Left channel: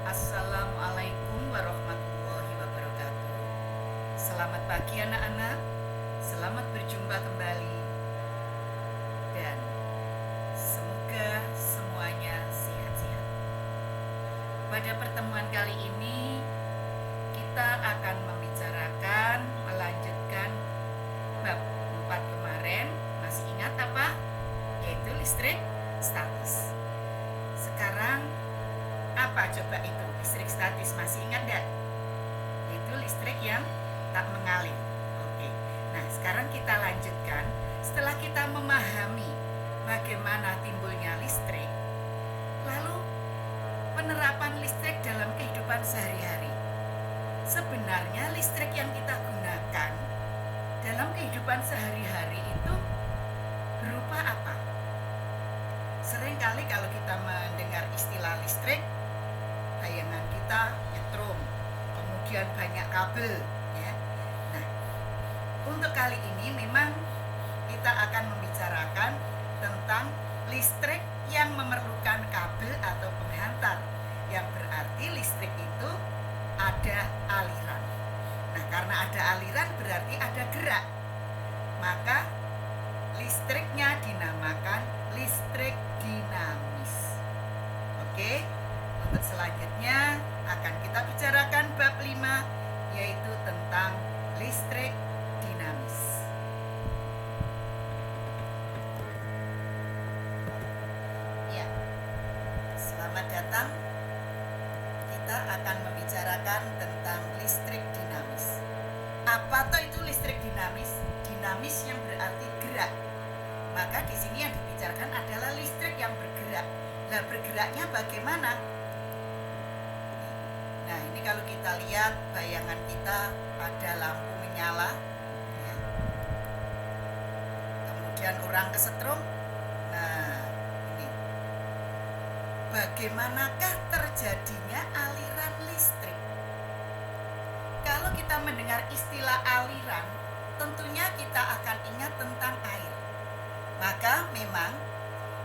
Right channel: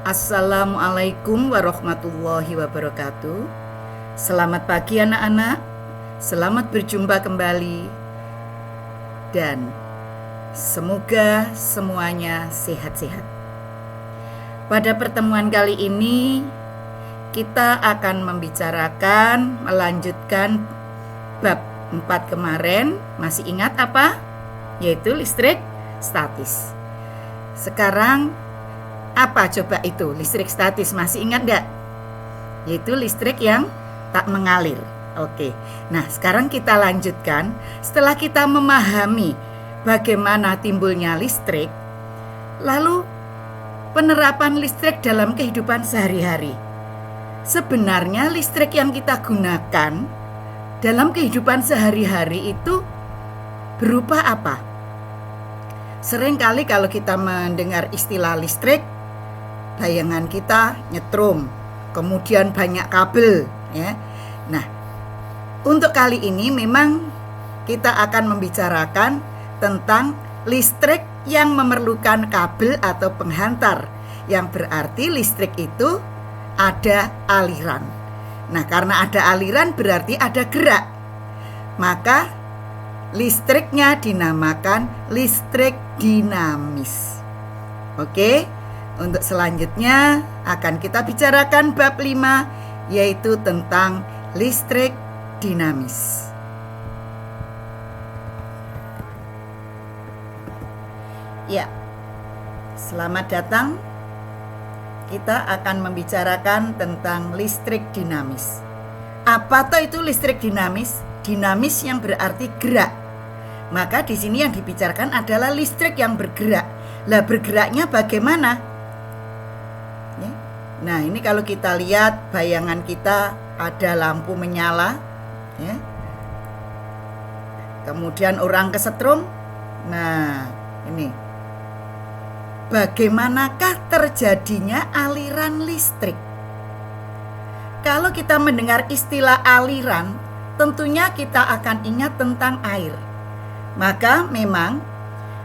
Assalamualaikum warahmatullahi wabarakatuh. Selamat pagi anak-anak. Selamat berjumpa kembali. Dan semoga semuanya sehat-sehat. Pada pertemuan kali ini kita akan melanjutkan bab 4 kemarin. Masih ingat apa? Yaitu listrik statis. Sekarang apa coba itu listrik statis, masih ingat gak? Yaitu listrik yang tak mengalir. Oke, nah sekarang kita lanjutkan. Setelah kita memahami bagaimana timbulnya listrik, lalu penerapan listrik dalam kehidupan sehari-hari. Sebenarnya listrik yang kita gunakan dalam kehidupan sehari-hari itu berupa apa? Seringkali kalau kita mendengar istilah listrik, bayangan kita nyetrum, kemudian banyak kabel, ya. Nah, untuk kali ini memang kita akan membicarakan tentang listrik yang memerlukan kabel atau penghantar, yang berarti listrik itu ada aliran. Nah, karena ada aliran berarti ada gerak, maka listriknya dinamakan listrik dinamis. Oke, untuk selanjutnya akan kita bicarakan bab 5, yaitu tentang listrik dinamis. Ya, selamat datang. Kita akan membicarakan tentang listrik dinamis. Apa toh itu listrik dinamis? Dinamis yang berarti gerak. Maka di sini yang dibicarakan adalah listrik yang bergerak. Lah, bergeraknya bagaimana? Nah, ini kalau kita lihat bayangan kita ada lampu menyala, ya. Kemudian orang kesetrum. Nah, ini bagaimanakah terjadinya aliran listrik? Kalau kita mendengar istilah aliran, tentunya kita akan ingat tentang air. Maka memang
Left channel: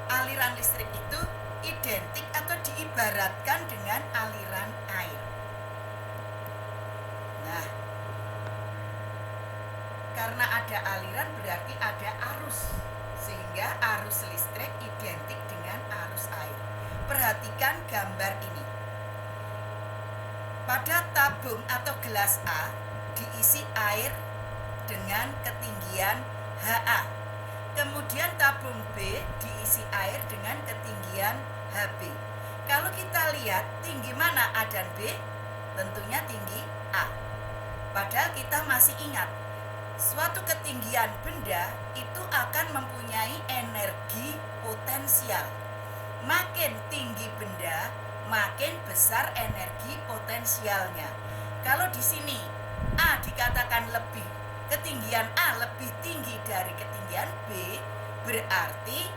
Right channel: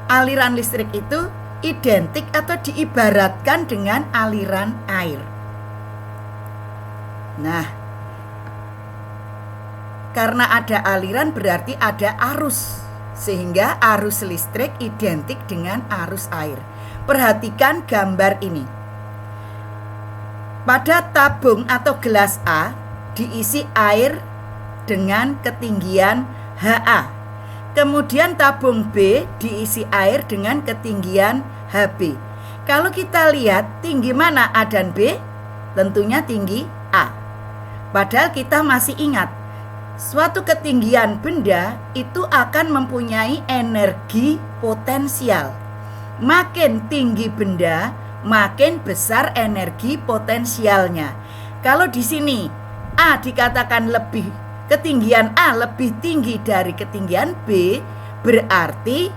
aliran listrik itu identik atau diibaratkan dengan aliran air. Nah, karena ada aliran berarti ada arus, sehingga arus listrik identik dengan arus air. Perhatikan gambar ini. Pada tabung atau gelas A diisi air dengan ketinggian HA. Kemudian tabung B diisi air dengan ketinggian HB. Kalau kita lihat tinggi mana A dan B? Tentunya tinggi A. Padahal kita masih ingat, suatu ketinggian benda itu akan mempunyai energi potensial. Makin tinggi benda, makin besar energi potensialnya. Kalau di sini A dikatakan ketinggian A lebih tinggi dari ketinggian B, berarti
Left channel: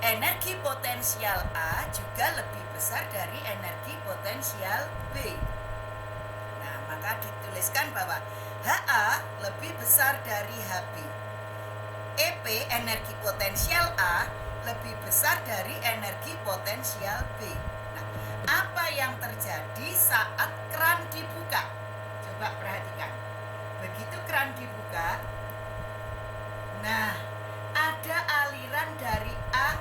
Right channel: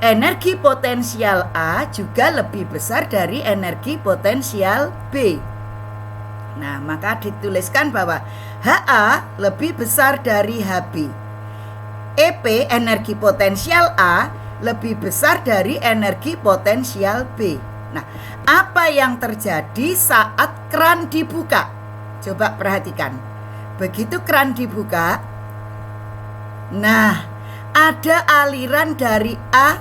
energi potensial A juga lebih besar dari energi potensial B. Nah, maka dituliskan bahwa HA lebih besar dari HB. EP, energi potensial A, lebih besar dari energi potensial B. Nah, apa yang terjadi saat keran dibuka? Coba perhatikan. Begitu keran dibuka, nah, ada aliran dari A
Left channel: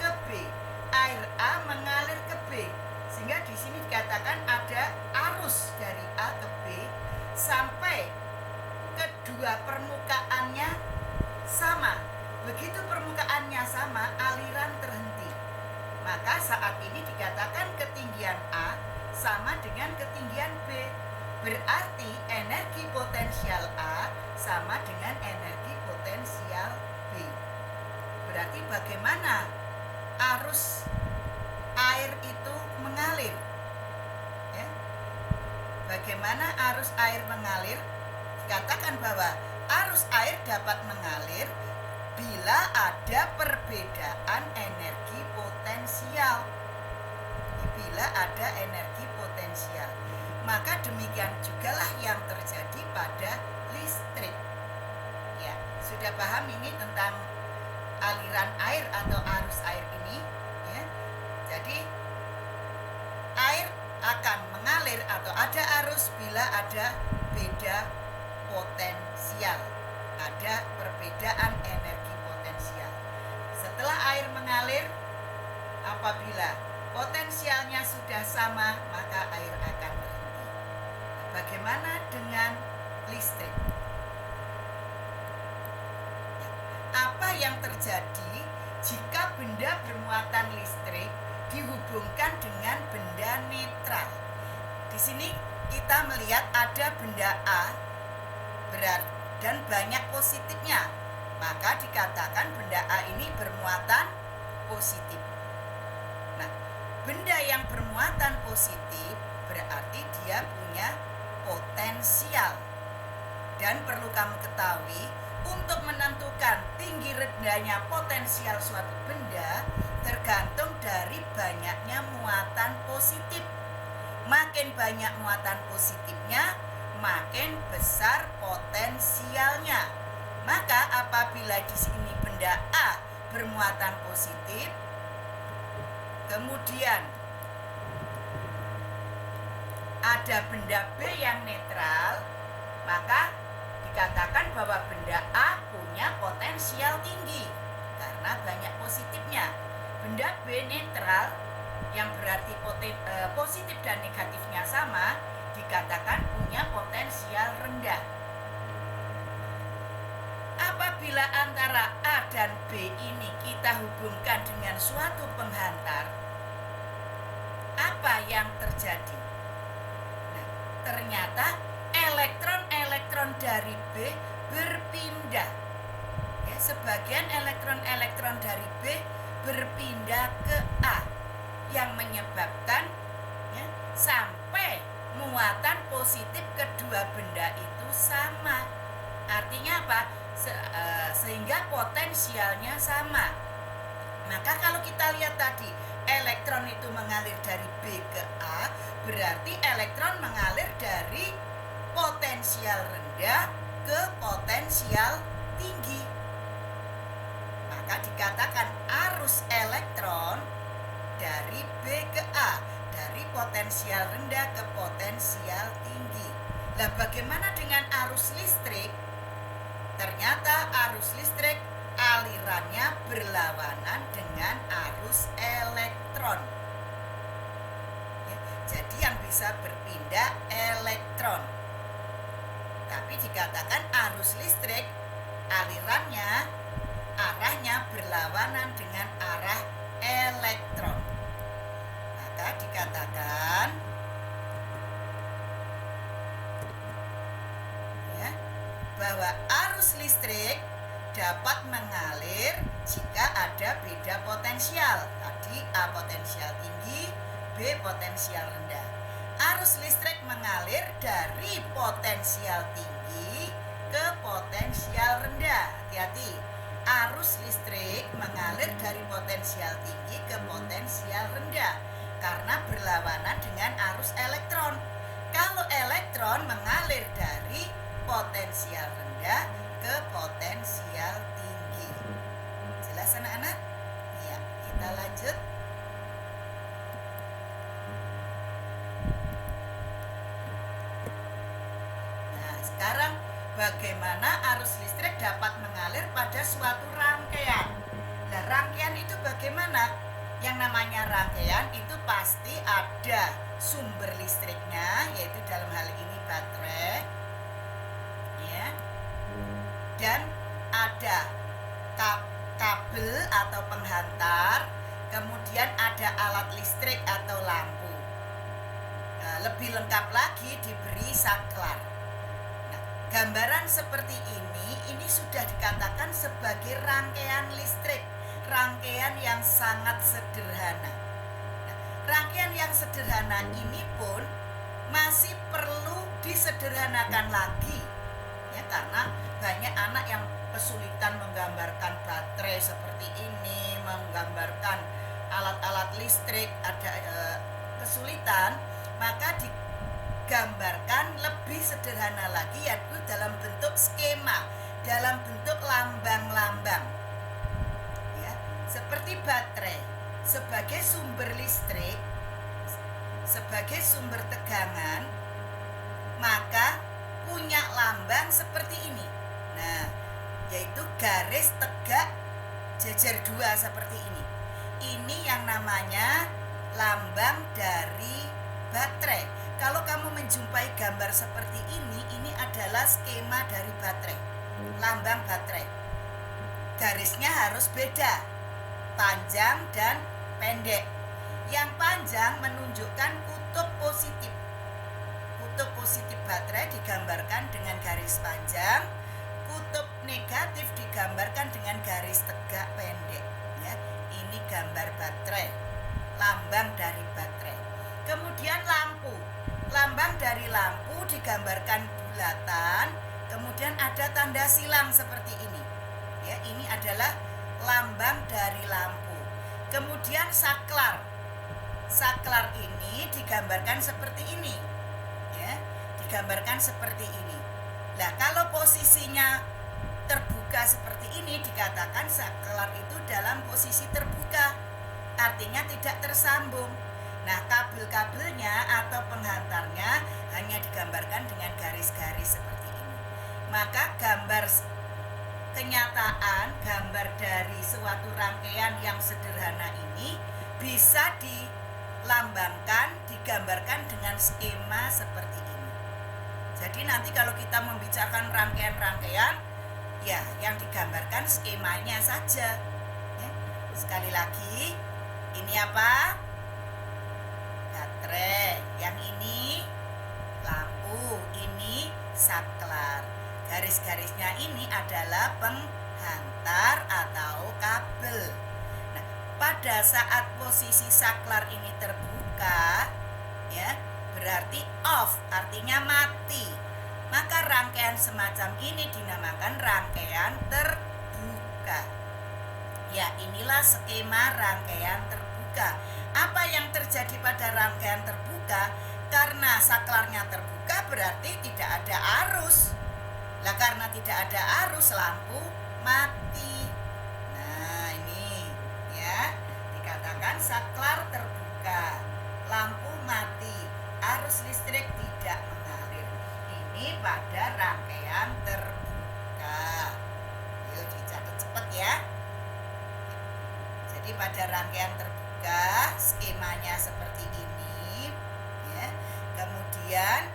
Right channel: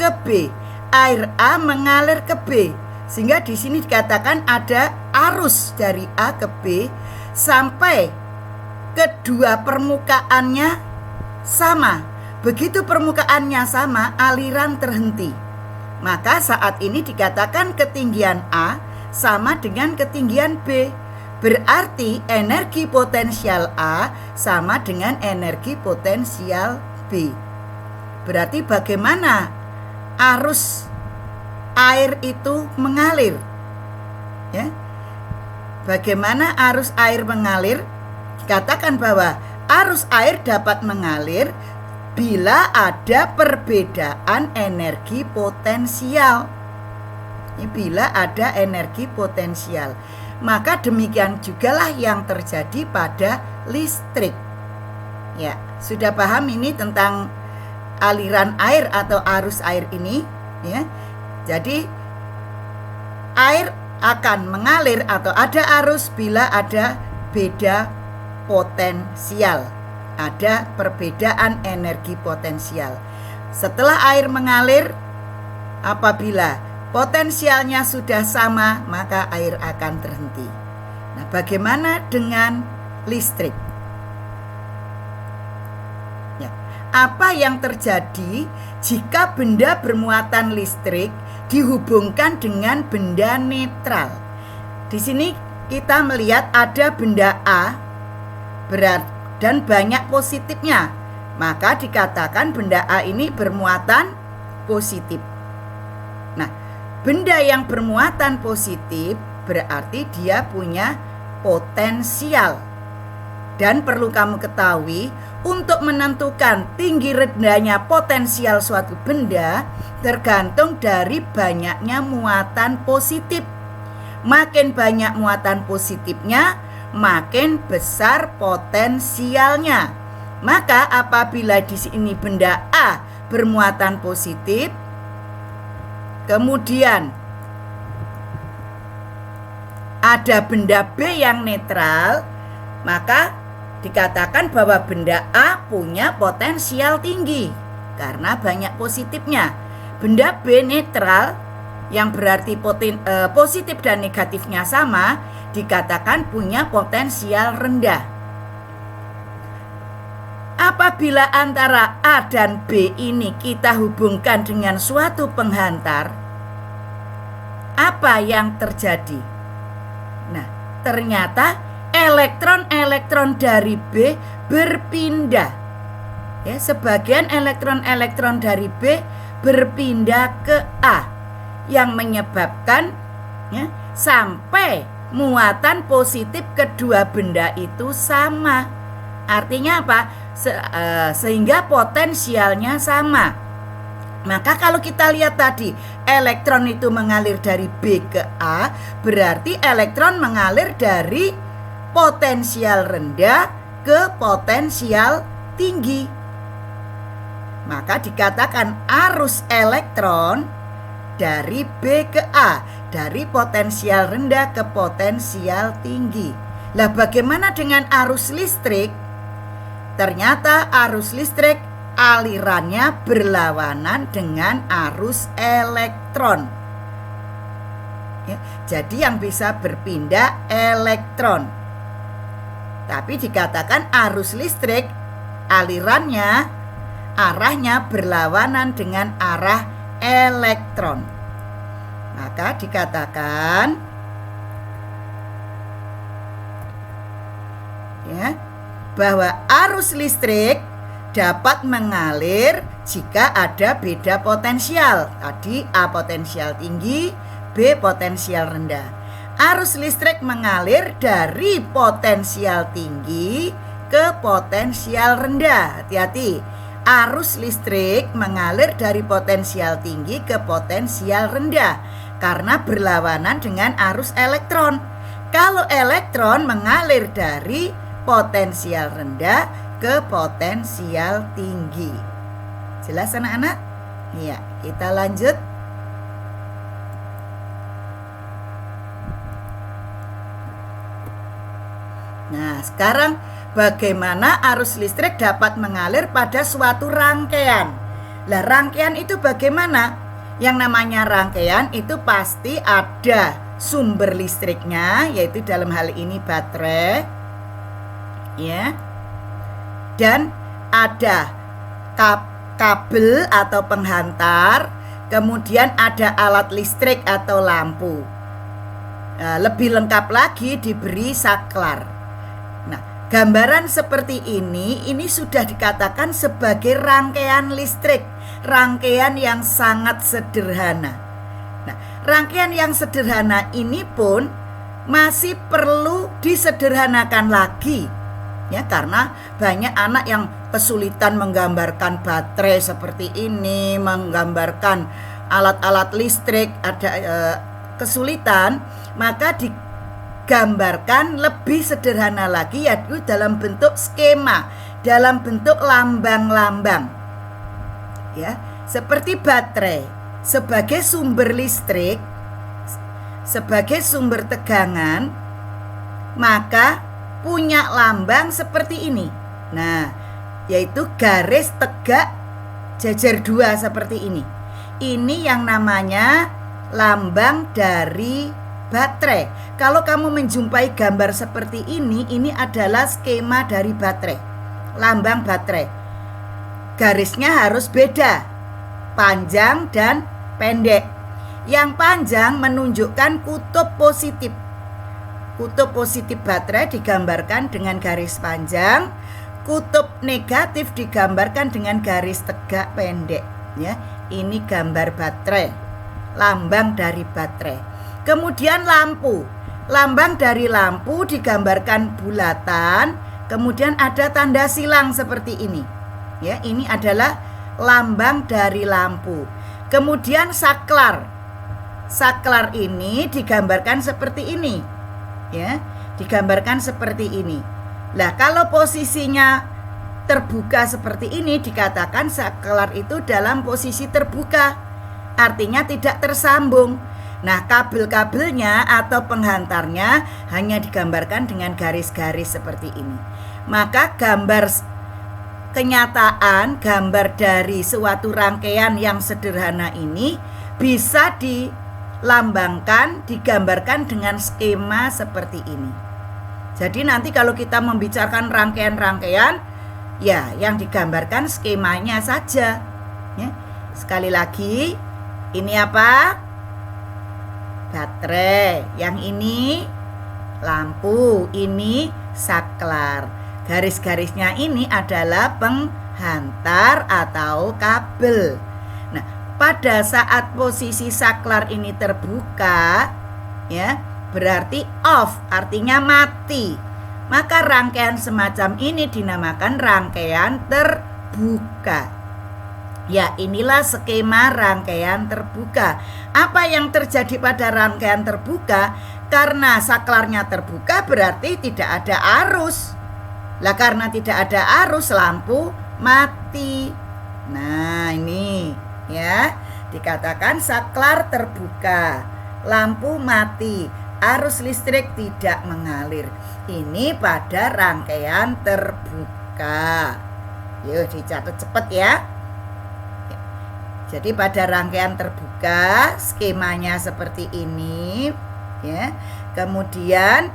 ke B. Air A mengalir ke B. Sehingga di sini dikatakan ada arus dari A ke B sampai kedua permukaannya sama. Begitu permukaannya sama, aliran terhenti. Maka saat ini dikatakan ketinggian A sama dengan ketinggian B. Berarti energi potensial A sama dengan energi potensial B. Berarti bagaimana arus air itu mengalir? Ya. Bagaimana arus air mengalir? Dikatakan bahwa arus air dapat mengalir bila ada perbedaan energi potensial. Bila ada energi potensial, maka demikian jugalah yang terjadi pada listrik. Ya, sudah paham ini tentang aliran air atau arus air ini, ya. Jadi air akan mengalir atau ada arus bila ada beda potensial. Ada perbedaan energi potensial. Setelah air mengalir, apabila potensialnya sudah sama, maka air akan terhenti. Nah, bagaimana dengan listrik? Ya, apa yang terjadi jika benda bermuatan listrik dihubungkan dengan benda netral? Di sini kita melihat ada benda A berat dan banyak positifnya, maka dikatakan benda A ini bermuatan positif. Nah, benda yang bermuatan positif berarti dia punya potensial. Dan perlu kamu ketahui, untuk menentukan tinggi rendahnya potensial suatu benda tergantung dari banyaknya muatan positif. Makin banyak muatan positifnya, makin besar potensialnya. Maka apabila di sini benda A bermuatan positif, kemudian ada benda B yang netral, maka dikatakan bahwa benda A punya potensial tinggi karena banyak positifnya. Benda B netral yang berarti positif dan negatifnya sama, dikatakan punya potensial rendah. Apabila antara A dan B ini kita hubungkan dengan suatu penghantar, apa yang terjadi? Nah, ternyata elektron-elektron dari B berpindah. Ya, sebagian elektron-elektron dari B berpindah ke A, yang menyebabkan sampai muatan positif kedua benda itu sama. Artinya apa? Sehingga potensialnya sama. Maka kalau kita lihat tadi, elektron itu mengalir dari B ke A, berarti elektron mengalir dari potensial rendah ke potensial tinggi. Maka dikatakan arus elektron dari B ke A, dari potensial rendah ke potensial tinggi. Lah, bagaimana dengan arus listrik? Ternyata arus listrik alirannya berlawanan dengan arus elektron. Ya, jadi yang bisa berpindah elektron. Tapi dikatakan arus listrik alirannya, arahnya berlawanan dengan arah elektron. Maka dikatakan bahwa arus listrik dapat mengalir jika ada beda potensial. Tadi A potensial tinggi, B potensial rendah. Arus listrik mengalir dari potensial tinggi ke potensial rendah. Hati-hati. Arus listrik mengalir dari potensial tinggi ke potensial rendah karena berlawanan dengan arus elektron. Kalau elektron mengalir dari potensial rendah ke potensial tinggi. Jelas anak-anak? Iya, kita lanjut. Nah, sekarang bagaimana arus listrik dapat mengalir pada suatu rangkaian? Lah, rangkaian itu bagaimana? Yang namanya rangkaian itu pasti ada sumber listriknya, yaitu dalam hal ini baterai, ya. Dan ada kabel atau penghantar, kemudian ada alat listrik atau lampu. Nah, lebih lengkap lagi diberi saklar. Gambaran seperti ini sudah dikatakan sebagai rangkaian listrik, rangkaian yang sangat sederhana. Nah, rangkaian yang sederhana ini pun masih perlu disederhanakan lagi, ya, karena banyak anak yang kesulitan menggambarkan baterai seperti ini, menggambarkan alat-alat listrik, ada kesulitan, maka gambarkan lebih sederhana lagi, yaitu dalam bentuk skema, dalam bentuk lambang-lambang. Ya, seperti baterai sebagai sumber listrik. sebagai sumber tegangan, maka punya lambang seperti ini. Nah, yaitu garis tegak jajar 2 seperti ini. Ini yang namanya lambang dari baterai. Kalau kamu menjumpai gambar seperti ini adalah skema dari baterai. Lambang baterai. Garisnya harus beda, panjang dan pendek. Yang panjang menunjukkan kutub positif. Kutub positif baterai digambarkan dengan garis panjang, kutub negatif digambarkan dengan garis tegak pendek. Ya, ini gambar baterai, lambang dari baterai. Kemudian lampu, lambang dari lampu digambarkan bulatan, kemudian ada tanda silang seperti ini. Ya, ini adalah lambang dari lampu. Kemudian saklar, saklar ini digambarkan seperti ini. Ya, digambarkan seperti ini. Nah, kalau posisinya terbuka seperti ini dikatakan saklar itu dalam posisi terbuka, artinya tidak tersambung. Nah, kabel-kabelnya atau penghantarnya hanya digambarkan dengan garis-garis seperti ini. Maka gambar kenyataan, gambar dari suatu rangkaian yang sederhana ini bisa dilambangkan, digambarkan dengan skema seperti ini. Jadi nanti kalau kita membicarakan rangkaian-rangkaian, ya yang digambarkan skemanya saja. Ya. Sekali lagi, ini apa? Baterai. Yang ini lampu, ini saklar. Garis-garisnya ini adalah penghantar atau kabel. Nah, pada saat posisi saklar ini terbuka, ya, berarti off, artinya mati. Maka rangkaian semacam ini dinamakan rangkaian terbuka. Ya, inilah skema rangkaian terbuka. Apa yang terjadi pada rangkaian terbuka? Karena saklarnya terbuka berarti tidak ada arus. Lah, karena tidak ada arus, lampu mati. Nah, ini ya, dikatakan saklar terbuka, lampu mati, arus listrik tidak mengalir. Ini pada rangkaian terbuka. Yuk dicatat cepat ya. Jadi pada rangkaian terbuka skemanya seperti ini ya. Kemudian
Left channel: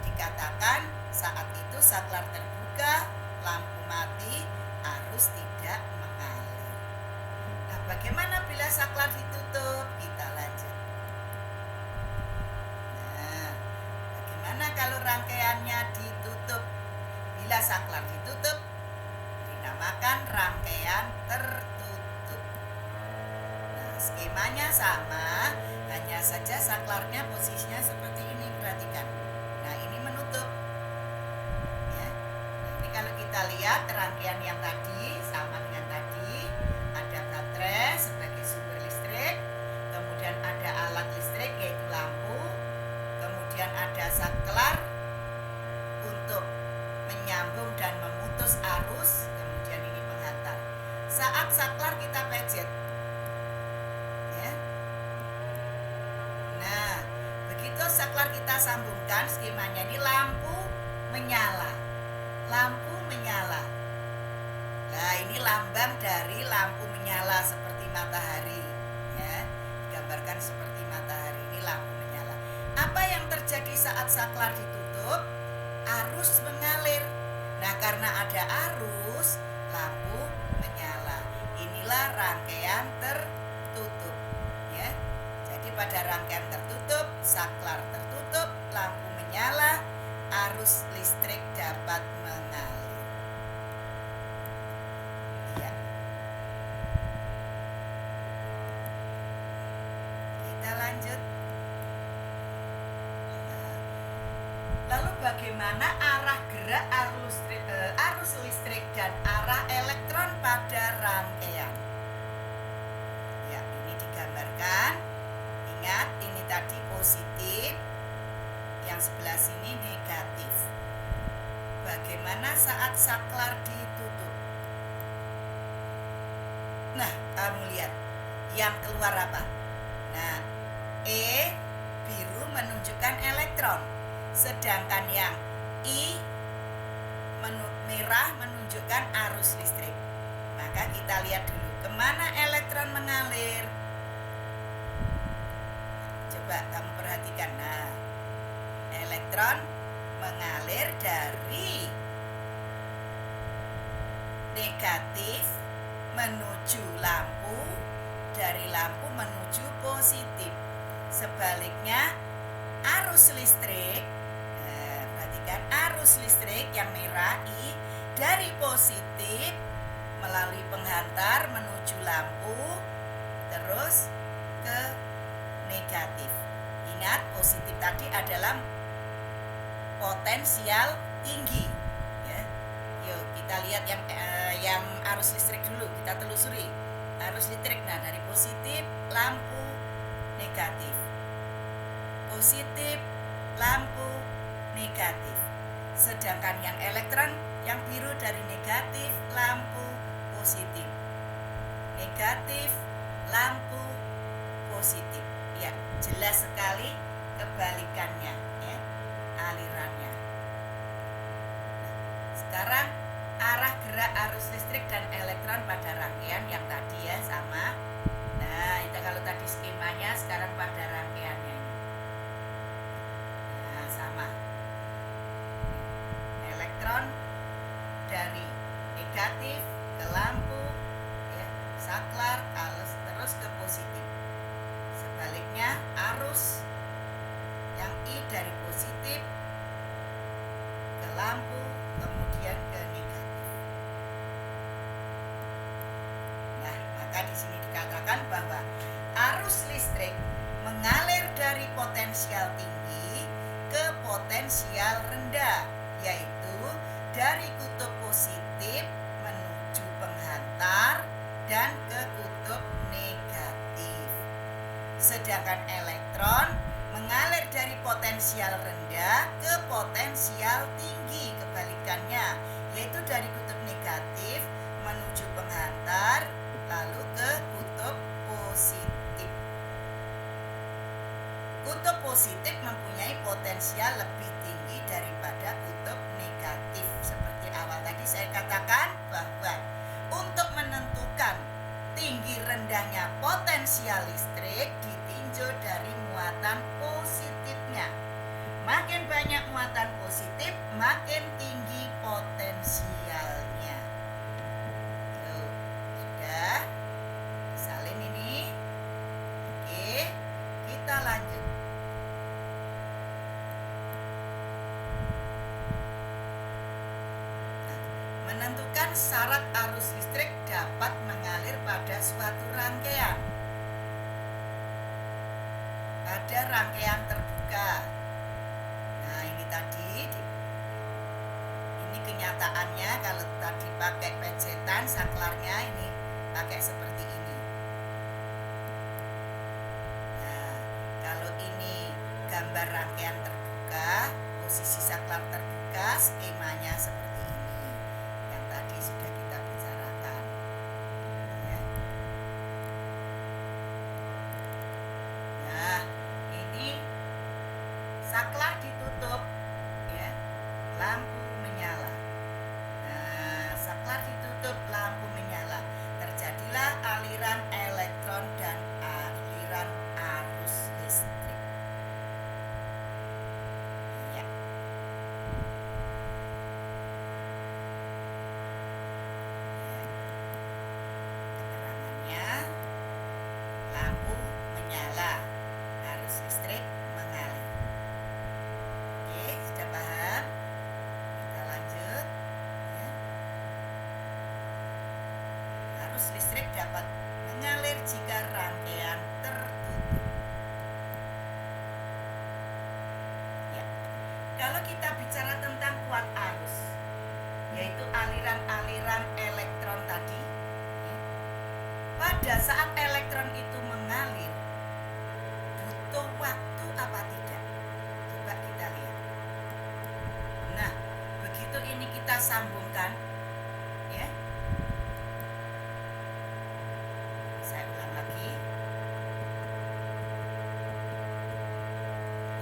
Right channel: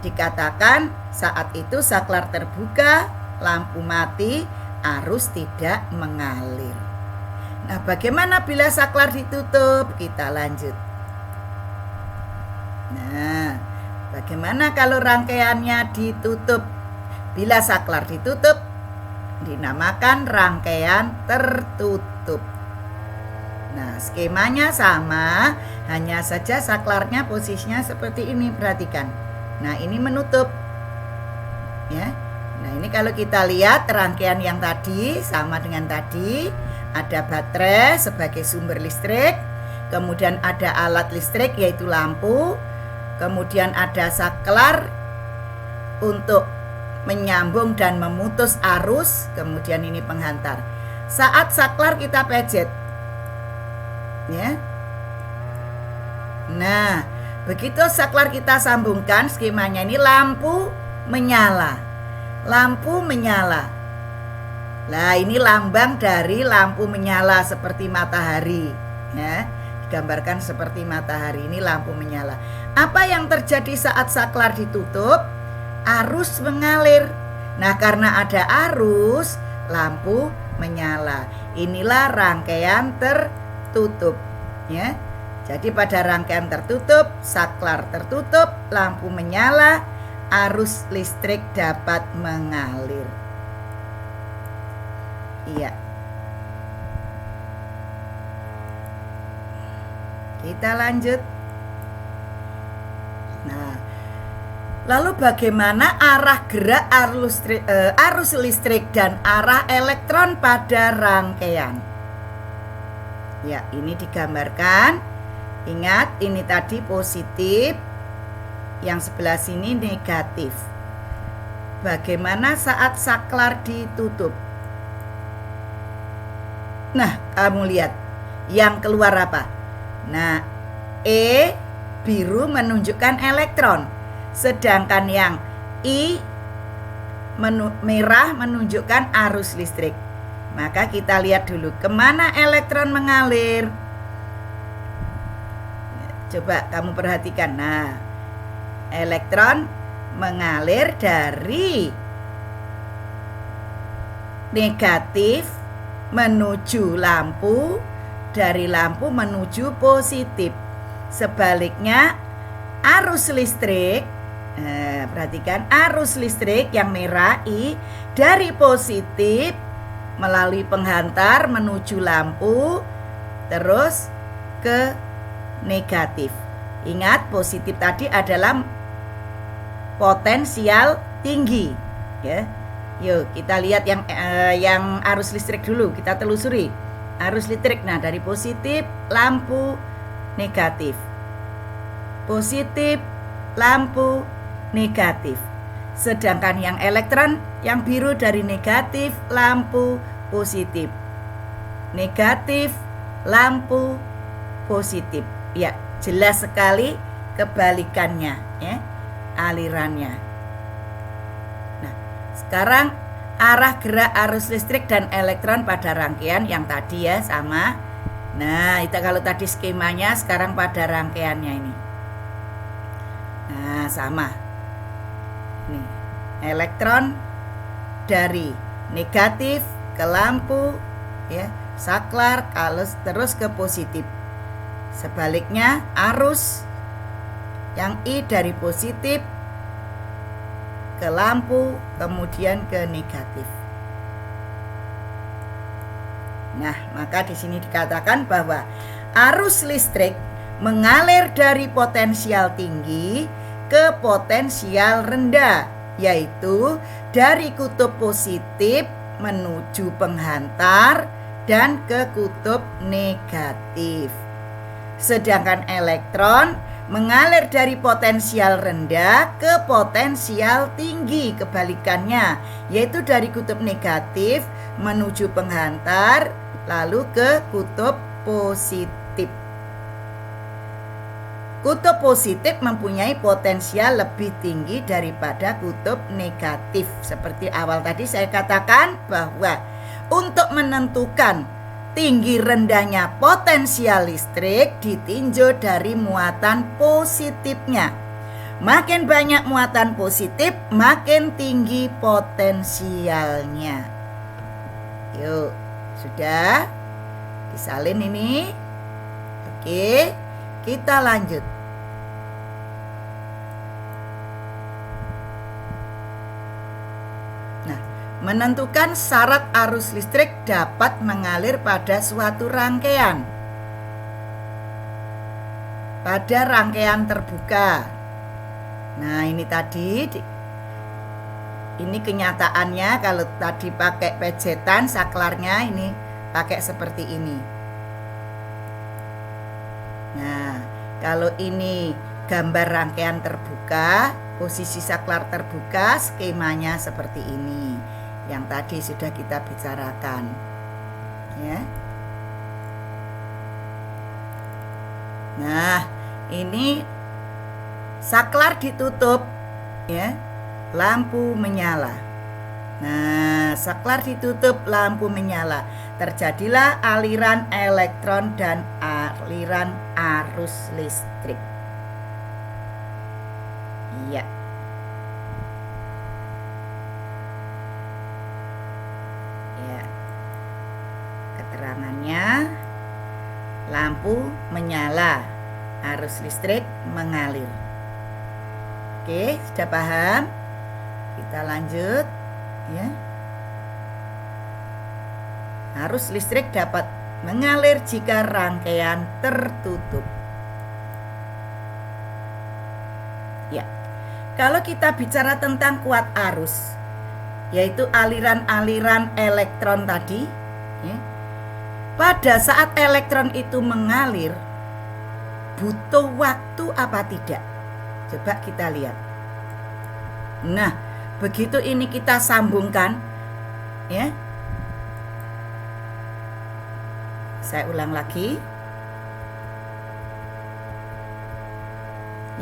dikatakan saat itu saklar terbuka, lampu mati, arus tidak mengalir. Nah, bagaimana bila saklar ditutup? Kita lanjut. Nah, bagaimana kalau rangkaiannya ditutup? Bila saklar ditutup, dinamakan rangkaian tertutup. Nah, skemanya sama, hanya saja saklarnya posisinya seperti ini, perhatikan. Nah, ini menutup. Ya. Nah, ini kalau kita lihat rangkaian yang tadi sama dengan tadi, ada baterai sebagai sumber listrik, kemudian ada alat listrik yaitu lampu, kemudian ada saklar untuk menyambung dan memutus arus, kemudian ini penghantar. Saat saklar kita pejet. Ya. Nah, begitu saklar kita sambungkan, skemanya ini lampu menyala. Lampu menyala. Nah, ini lambang dari lampu menyala seperti matahari. Ya, digambarkan seperti matahari, ini lampu menyala. Apa yang terjadi saat saklar ditutup? Arus mengalir. Nah, karena ada arus, lampu menyala. Inilah rangkaian tertutup. Ya. Jadi pada rangkaian tertutup, saklar tertutup, lampu menyala, arus listrik dapat mengalir. Iya. Kita lanjut. Nah, lalu bagaimana arah gerak arus listrik dan arah elektron pada rangkaian? Ya, ini digambarkan. Ingat, ini tadi positif, yang sebelah sini negatif. Bagaimana saat saklar ditutup? Nah, kamu lihat yang keluar apa? Nah, E biru menunjukkan elektron, sedangkan yang I merah menunjukkan arus listrik. Maka kita lihat dulu kemana elektron mengalir. Coba kamu perhatikan. Nah, elektron mengalir dari negatif menuju lampu, dari lampu menuju positif. Sebaliknya arus listrik, perhatikan arus listrik yang merah I dari positif melalui penghantar menuju lampu terus ke negatif. Ingat, positif tadi adalah potensial tinggi, ya. Yuk kita lihat yang arus listrik dulu, kita telusuri arus listrik. Nah, dari positif lampu negatif, positif lampu negatif. Sedangkan yang elektron yang biru dari negatif lampu positif, negatif lampu positif. Ya, jelas sekali kebalikannya, ya, alirannya. Nah, sekarang arah gerak arus listrik dan elektron pada rangkaian yang tadi ya sama. Nah, itu kalau tadi skemanya, sekarang pada rangkaiannya ini. Nah, sama. Nih, elektron dari negatif ke lampu, ya, saklar, terus ke positif. Sebaliknya arus yang I dari positif ke lampu, kemudian ke negatif. Nah, maka di sini dikatakan bahwa arus listrik mengalir dari potensial tinggi ke potensial rendah, yaitu dari kutub positif menuju penghantar dan ke kutub negatif. Sedangkan elektron mengalir dari potensial rendah ke potensial tinggi, kebalikannya, yaitu dari kutub negatif menuju penghantar lalu ke kutub positif. Kutub positif mempunyai potensial lebih tinggi daripada kutub negatif. Seperti awal tadi saya katakan bahwa untuk menentukan tinggi rendahnya potensial listrik ditinjau dari muatan positifnya. Makin banyak muatan positif, makin tinggi potensialnya. Yuk, sudah disalin ini. Oke, kita lanjut. Menentukan syarat arus listrik dapat mengalir pada suatu rangkaian. Pada rangkaian terbuka. Nah, ini tadi, ini kenyataannya kalau tadi pakai pejetan, saklarnya ini pakai seperti ini. Nah, kalau ini gambar rangkaian terbuka, posisi saklar terbuka, skemanya seperti ini. Yang tadi sudah kita bicarakan, ya. Nah, ini saklar ditutup, ya, lampu menyala. Nah, saklar ditutup, lampu menyala. Terjadilah aliran elektron dan aliran arus listrik. Iya. Lampu menyala, arus listrik mengalir. Oke, sudah paham? Kita lanjut, ya. Arus listrik dapat mengalir jika rangkaian tertutup. Ya, kalau kita bicara tentang kuat arus, yaitu aliran-aliran elektron tadi, ya. Pada saat elektron itu mengalir, butuh waktu apa tidak? Coba kita lihat. Nah, begitu ini kita sambungkan, ya. Saya ulang lagi.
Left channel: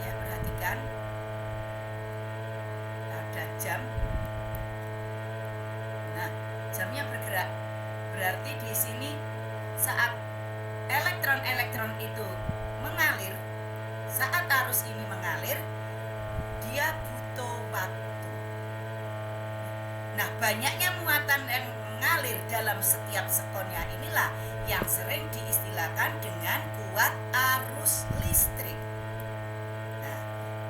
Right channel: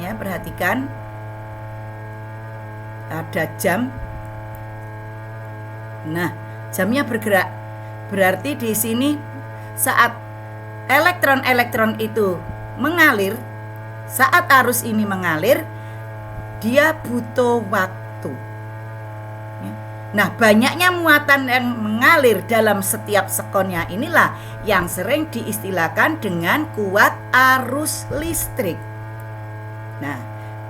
Ya, perhatikan. Ada jam. Nah, jamnya bergerak. Berarti di sini saat elektron-elektron itu mengalir, saat arus ini mengalir, dia butuh waktu. Nah, banyaknya muatan yang mengalir dalam setiap sekonnya inilah yang sering diistilahkan dengan kuat arus listrik. Nah,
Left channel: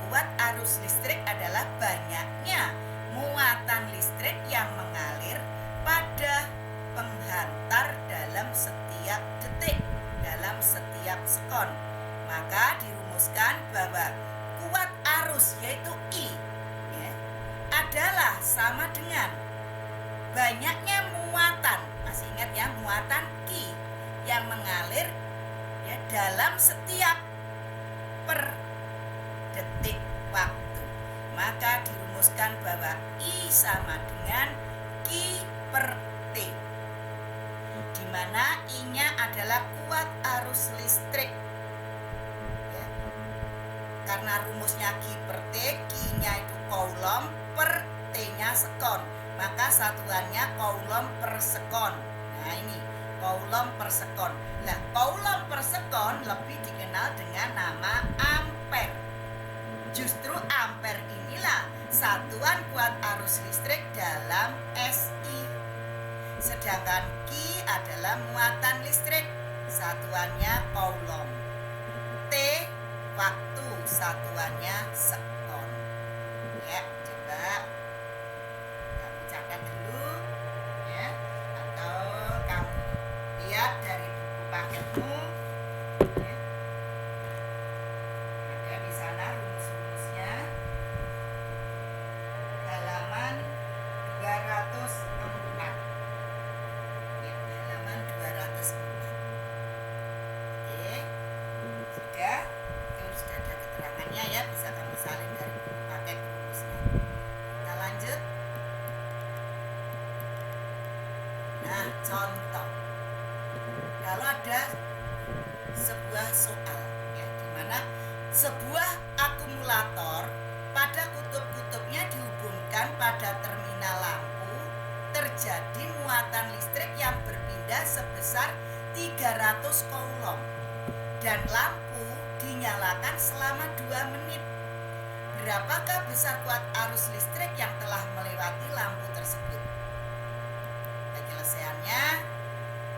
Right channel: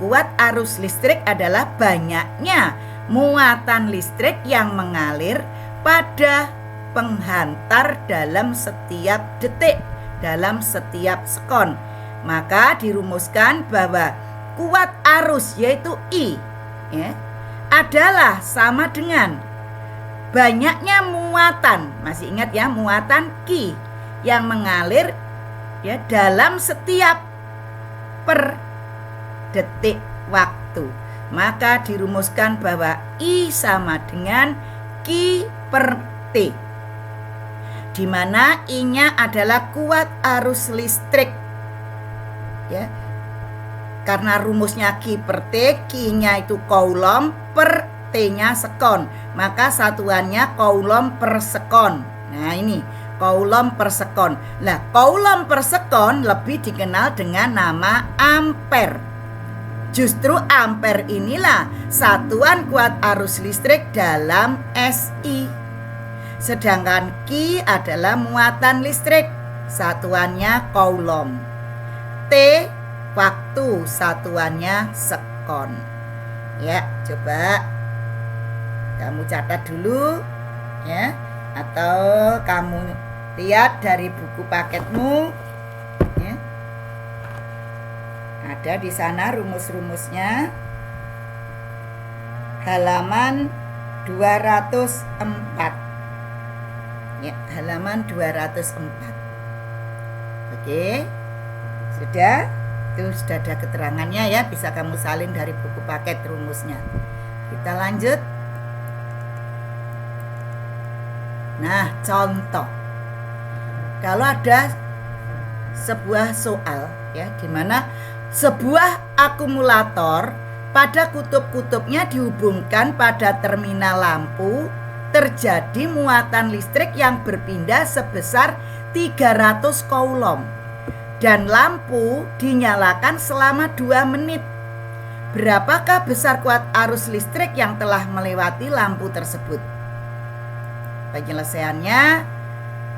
kuat arus listrik adalah banyaknya muatan listrik yang mengalir pada penghantar dalam setiap detik, dalam setiap sekon. Maka dirumuskan bahwa kuat arus yaitu I ya, adalah sama dengan banyaknya muatan, masih ingat ya, muatan Q yang mengalir ya dalam setiap per detik waktu. Maka dirumuskan bahwa I sama dengan Q per T, di mana I-nya adalah kuat arus listrik ya. Karena rumusnya Q per T, Q-nya itu coulomb per T-nya sekon, maka satuannya coulomb per sekon. Nah, ini coulomb per sekon. Nah, coulomb per sekon lebih dikenal dengan nama ampere. Justru ampere inilah satuan kuat arus listrik dalam SI. Sedangkan Q adalah muatan listrik, satuannya coulomb. T waktu, satuannya sekon. Ya, coba kamu catat dulu ya, atau kamu lihat dari buku paketmu ya. Ada di sana rumus-rumusnya, halaman 204 ya, halaman 204. Oke, sudah. Itu sudah ada keterangannya ya, bisa kamu salin dari buku paket rumusnya. Kita lanjut. Nah, contoh. Kalau ada sebuah soal ya, di mana sebuah akumulator pada kutub-kutubnya dihubungkan pada terminal lampu, terjadi muatan listrik yang berpindah sebesar 300 coulomb. Dan lampu dinyalakan selama 2 menit. Berapakah besar kuat arus listrik yang telah melewati lampu tersebut? Penyelesaiannya,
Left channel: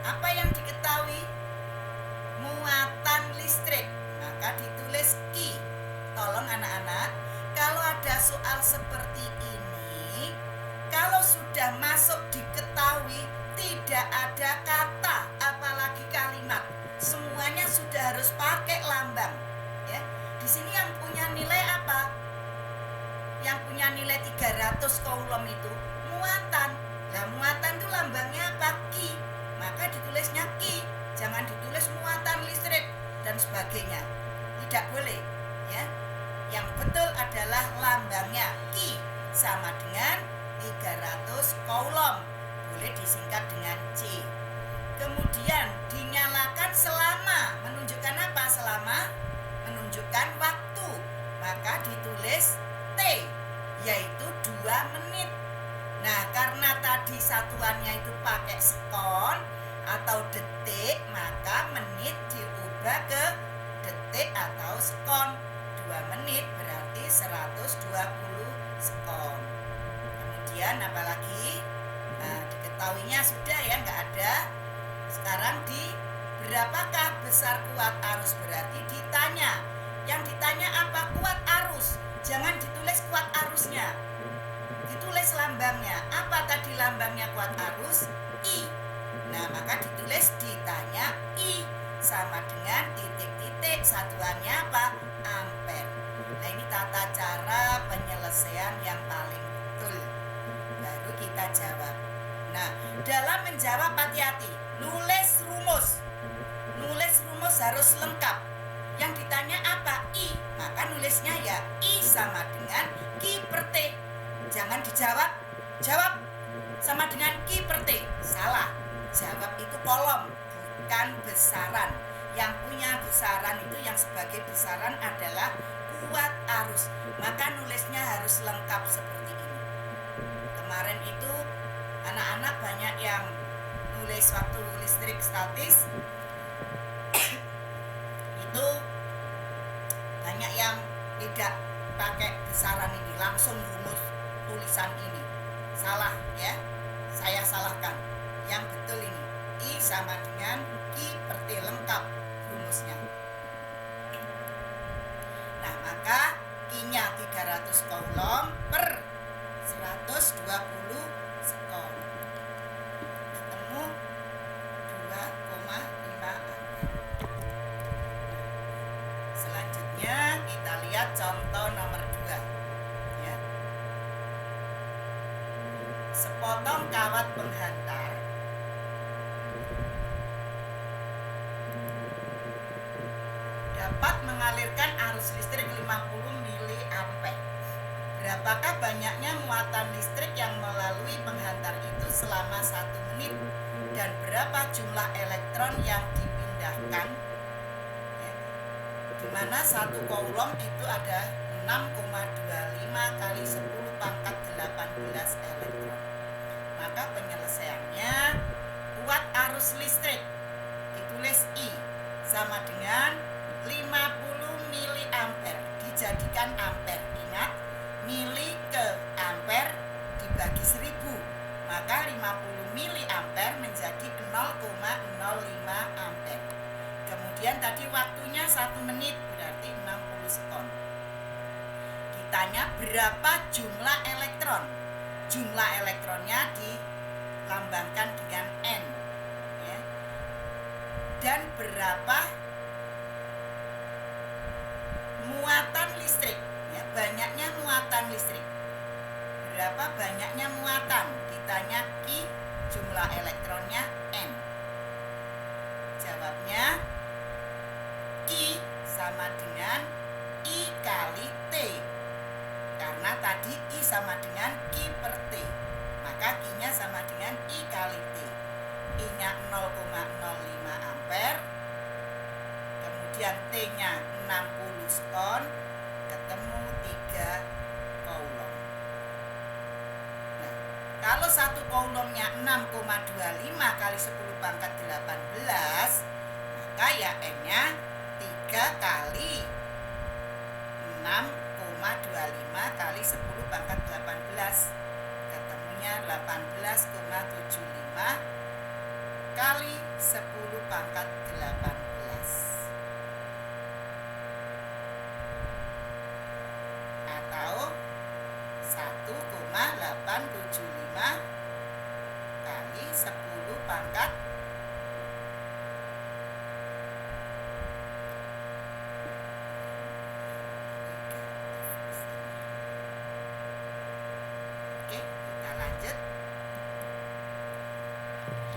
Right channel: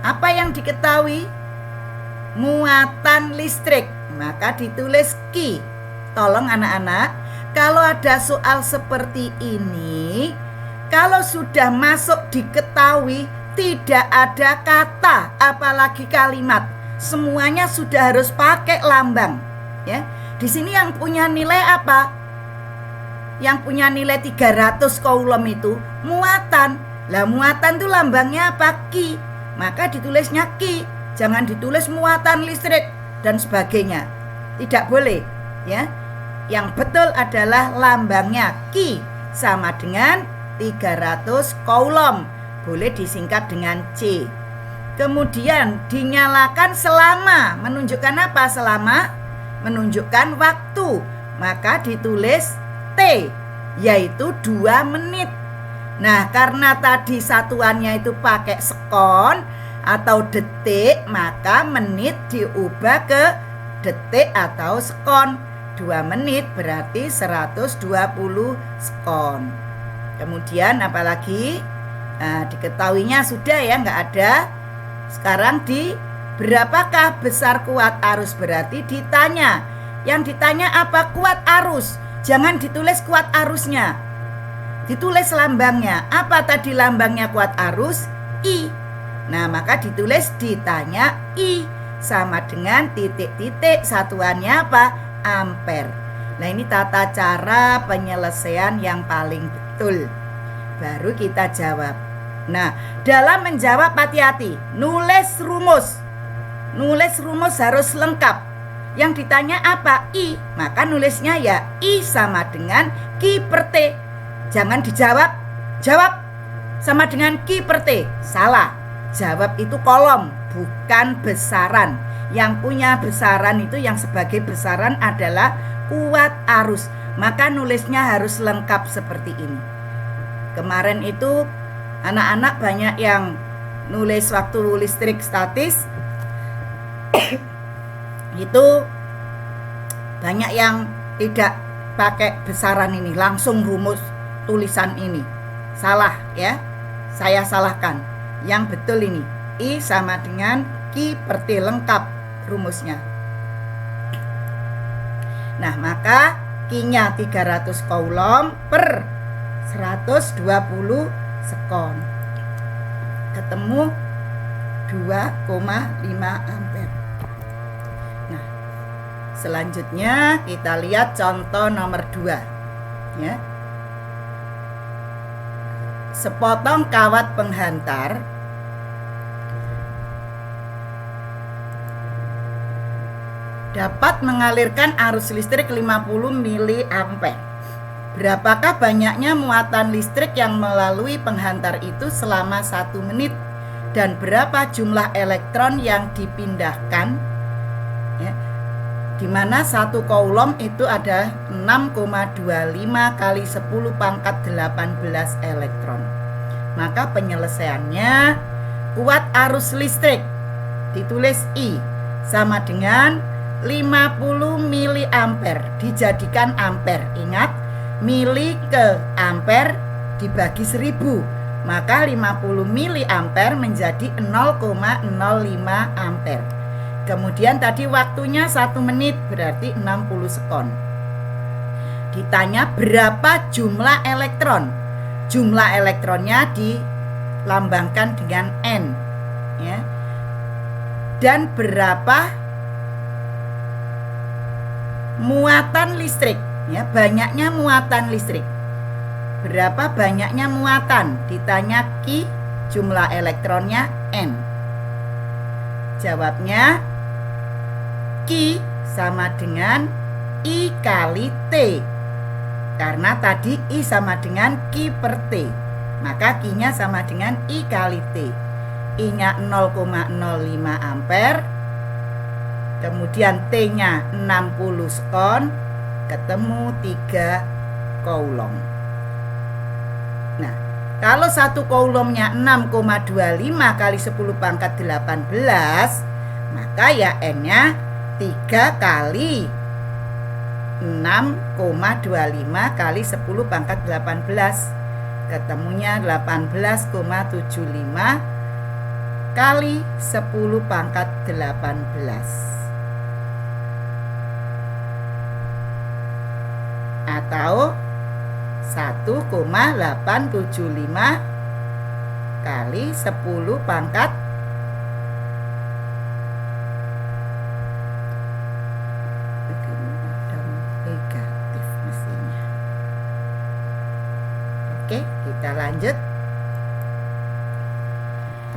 apa yang diketahui? Muatan listrik, maka ditulis Q. Tolong anak-anak, kalau ada soal seperti ini, kalau sudah masuk diketahui, tidak ada kata apalagi kalimat. Semuanya sudah harus pakai lambang ya. Di sini yang punya nilai apa? Yang punya nilai 300 coulomb itu muatan. Lah, muatan itu lambangnya apa? Q. Maka ditulisnya Q. Jangan ditulis muatan listrik dan sebagainya. Tidak boleh ya. Yang betul adalah lambangnya Q sama dengan 300 coulomb. Boleh disingkat dengan C. Kemudian dinyalakan selama, menunjukkan apa? Selama menunjukkan waktu, maka ditulis T, yaitu 2 menit. Nah, karena tadi satuannya itu pakai sekon atau detik, maka menit diubah ke detik atau sekon. 2 menit berarti 120 sekon. Kemudian apalagi? Nah, diketahuinya sudah ya, nggak ada. Sekarang di berapakah besar kuat arus, berarti ditanya. Yang ditanya apa? Kuat arus. Jangan ditulis kuat arusnya, ditulis lambangnya. Apa tadi lambangnya kuat arus? I. Nah, maka ditulis ditanya I sama dengan titik-titik, satuannya apa? Ampere. Nah, ini tata cara penyelesaian yang paling betul. Baru kita jawab. Nah, dalam menjawab hati-hati, nulis rumus. Nulis rumus harus lengkap. Yang ditanya apa? I. Maka nulisnya ya I sama dengan Q per T. Jangan dijawab, jawab sama dengan Q per T. Salah. Jawab itu kolom, bukan besaran. Yang punya besaran itu, yang sebagai besaran adalah kuat arus. Maka nulisnya harus lengkap seperti ini. Kemarin itu anak-anak banyak yang nulis waktu listrik statis itu banyak yang tidak pakai besaran ini, langsung rumus tulisan ini. Salah ya, saya salahkan. Yang betul ini, I sama dengan Q per T, lengkap rumusnya. Nah, maka Q-nya 300 coulomb per 120 sekon. Ketemu 2,5 ampere. Nah, selanjutnya kita lihat contoh nomor 2 ya. Sepotong kawat penghantar dapat mengalirkan arus listrik 50 mA. Berapakah banyaknya muatan listrik yang melalui penghantar itu selama 1 menit? Dan berapa jumlah elektron yang dipindahkan? Ya, di mana 1 coulomb itu ada 6,25 kali 10 pangkat 18 elektron. Maka penyelesaiannya, kuat arus listrik ditulis I sama dengan 50 mA dijadikan ampere. Ingat, mili ke ampere dibagi 1000, maka 50 mA menjadi 0,05 ampere. Kemudian tadi waktunya 1 menit, berarti 60 sekon. Ditanya berapa jumlah elektron. Jumlah elektronnya dilambangkan dengan N ya. Dan berapa muatan listrik ya, banyaknya muatan listrik. Berapa banyaknya muatan? Ditanya Q, jumlah elektronnya N. Jawabnya Q sama dengan I kali T. Karena tadi I sama dengan Q per T, maka Q-nya sama dengan I kali T. I-nya 0,05 ampere, kemudian T-nya 60 sekon, ketemu 3 coulomb. Nah, kalau 1 coulombnya 6,25 kali 10 pangkat 18, maka ya N-nya 3 kali 6,25 kali 10 pangkat 18. Ketemunya 18,75 kali 10 pangkat 18. Atau 1,875 kali 10 pangkat 3. Oke, kita lanjut.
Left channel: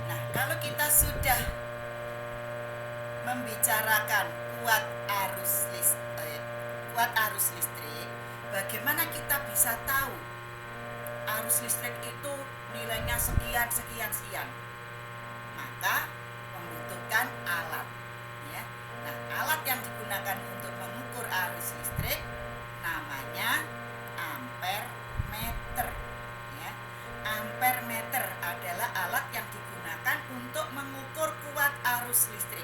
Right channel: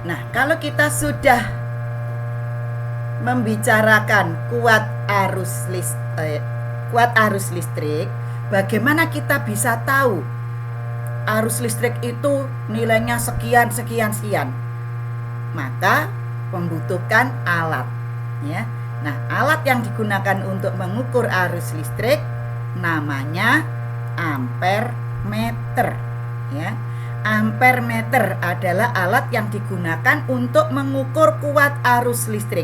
Nah, kalau kita sudah membicarakan kuat arus listrik, bagaimana kita bisa tahu arus listrik itu nilainya sekian sekian sekian? Maka membutuhkan alat ya. Nah, alat yang digunakan untuk mengukur arus listrik namanya ampere meter ya. Ampere meter adalah alat yang digunakan untuk mengukur kuat arus listrik.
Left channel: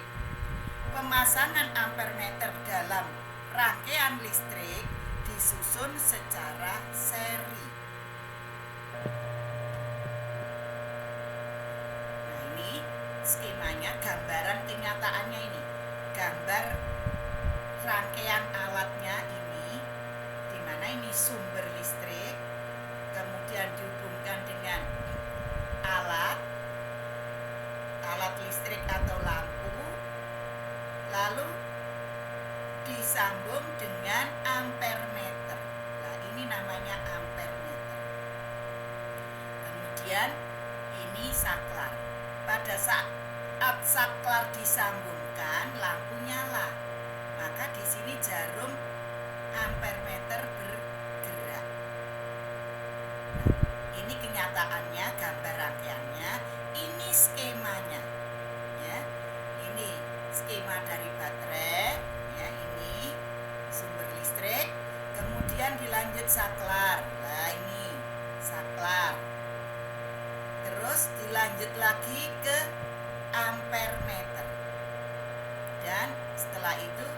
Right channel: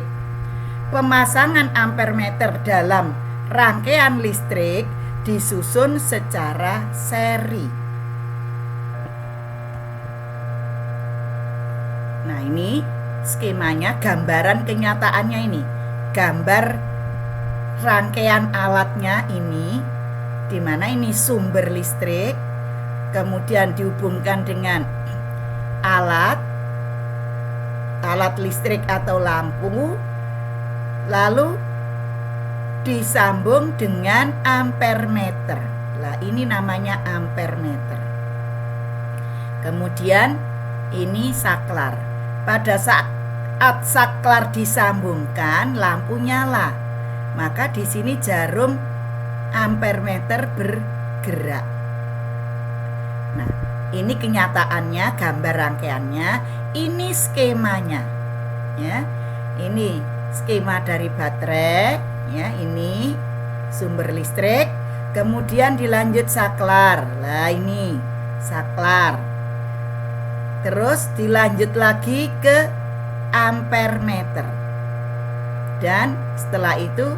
Pemasangan ampere meter dalam rangkaian listrik disusun secara seri. Nah, ini skemanya, gambaran kenyataannya ini. Gambar rangkaian alatnya ini, di mana ini sumber listrik, kemudian dihubungkan dengan alat listrik atau lampu, lalu disambung dengan ampere meter. Nah, ini namanya ampere meter. Kemudian ini saklar. Pada saat saklar disambungkan, lampu nyala. Maka di sini jarum ampere meter bergerak. Nah, ini kenyataannya, gambar rangkaiannya, ini skemanya. Ya. Ini skema dari baterai, ya, ini sumber listrik, kemudian dilanjut saklar. Nah, ini saklar. Terus dilanjut lagi ke ampere meter. Dan setelah itu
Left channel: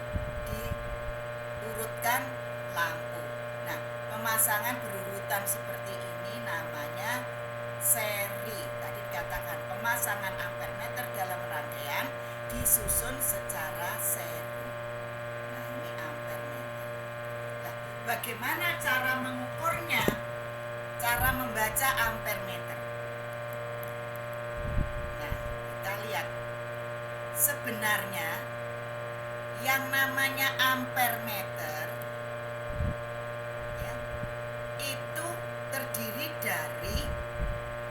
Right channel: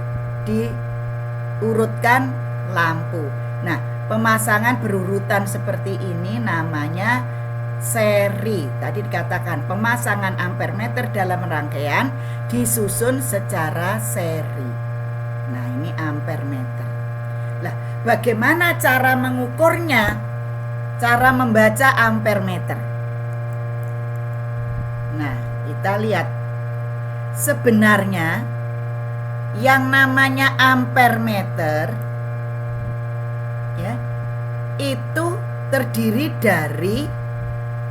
diurutkan lampu. Nah, pemasangan berurutan seperti ini namanya seri. Tadi dikatakan pemasangan ampere meter dalam rangkaian disusun secara seri. Nah, ini ampere meter. Nah, bagaimana cara mengukurnya? Cara membaca ampere meter. Nah, kita lihat. Sebenarnya yang namanya ampere meter ya, itu terdiri dari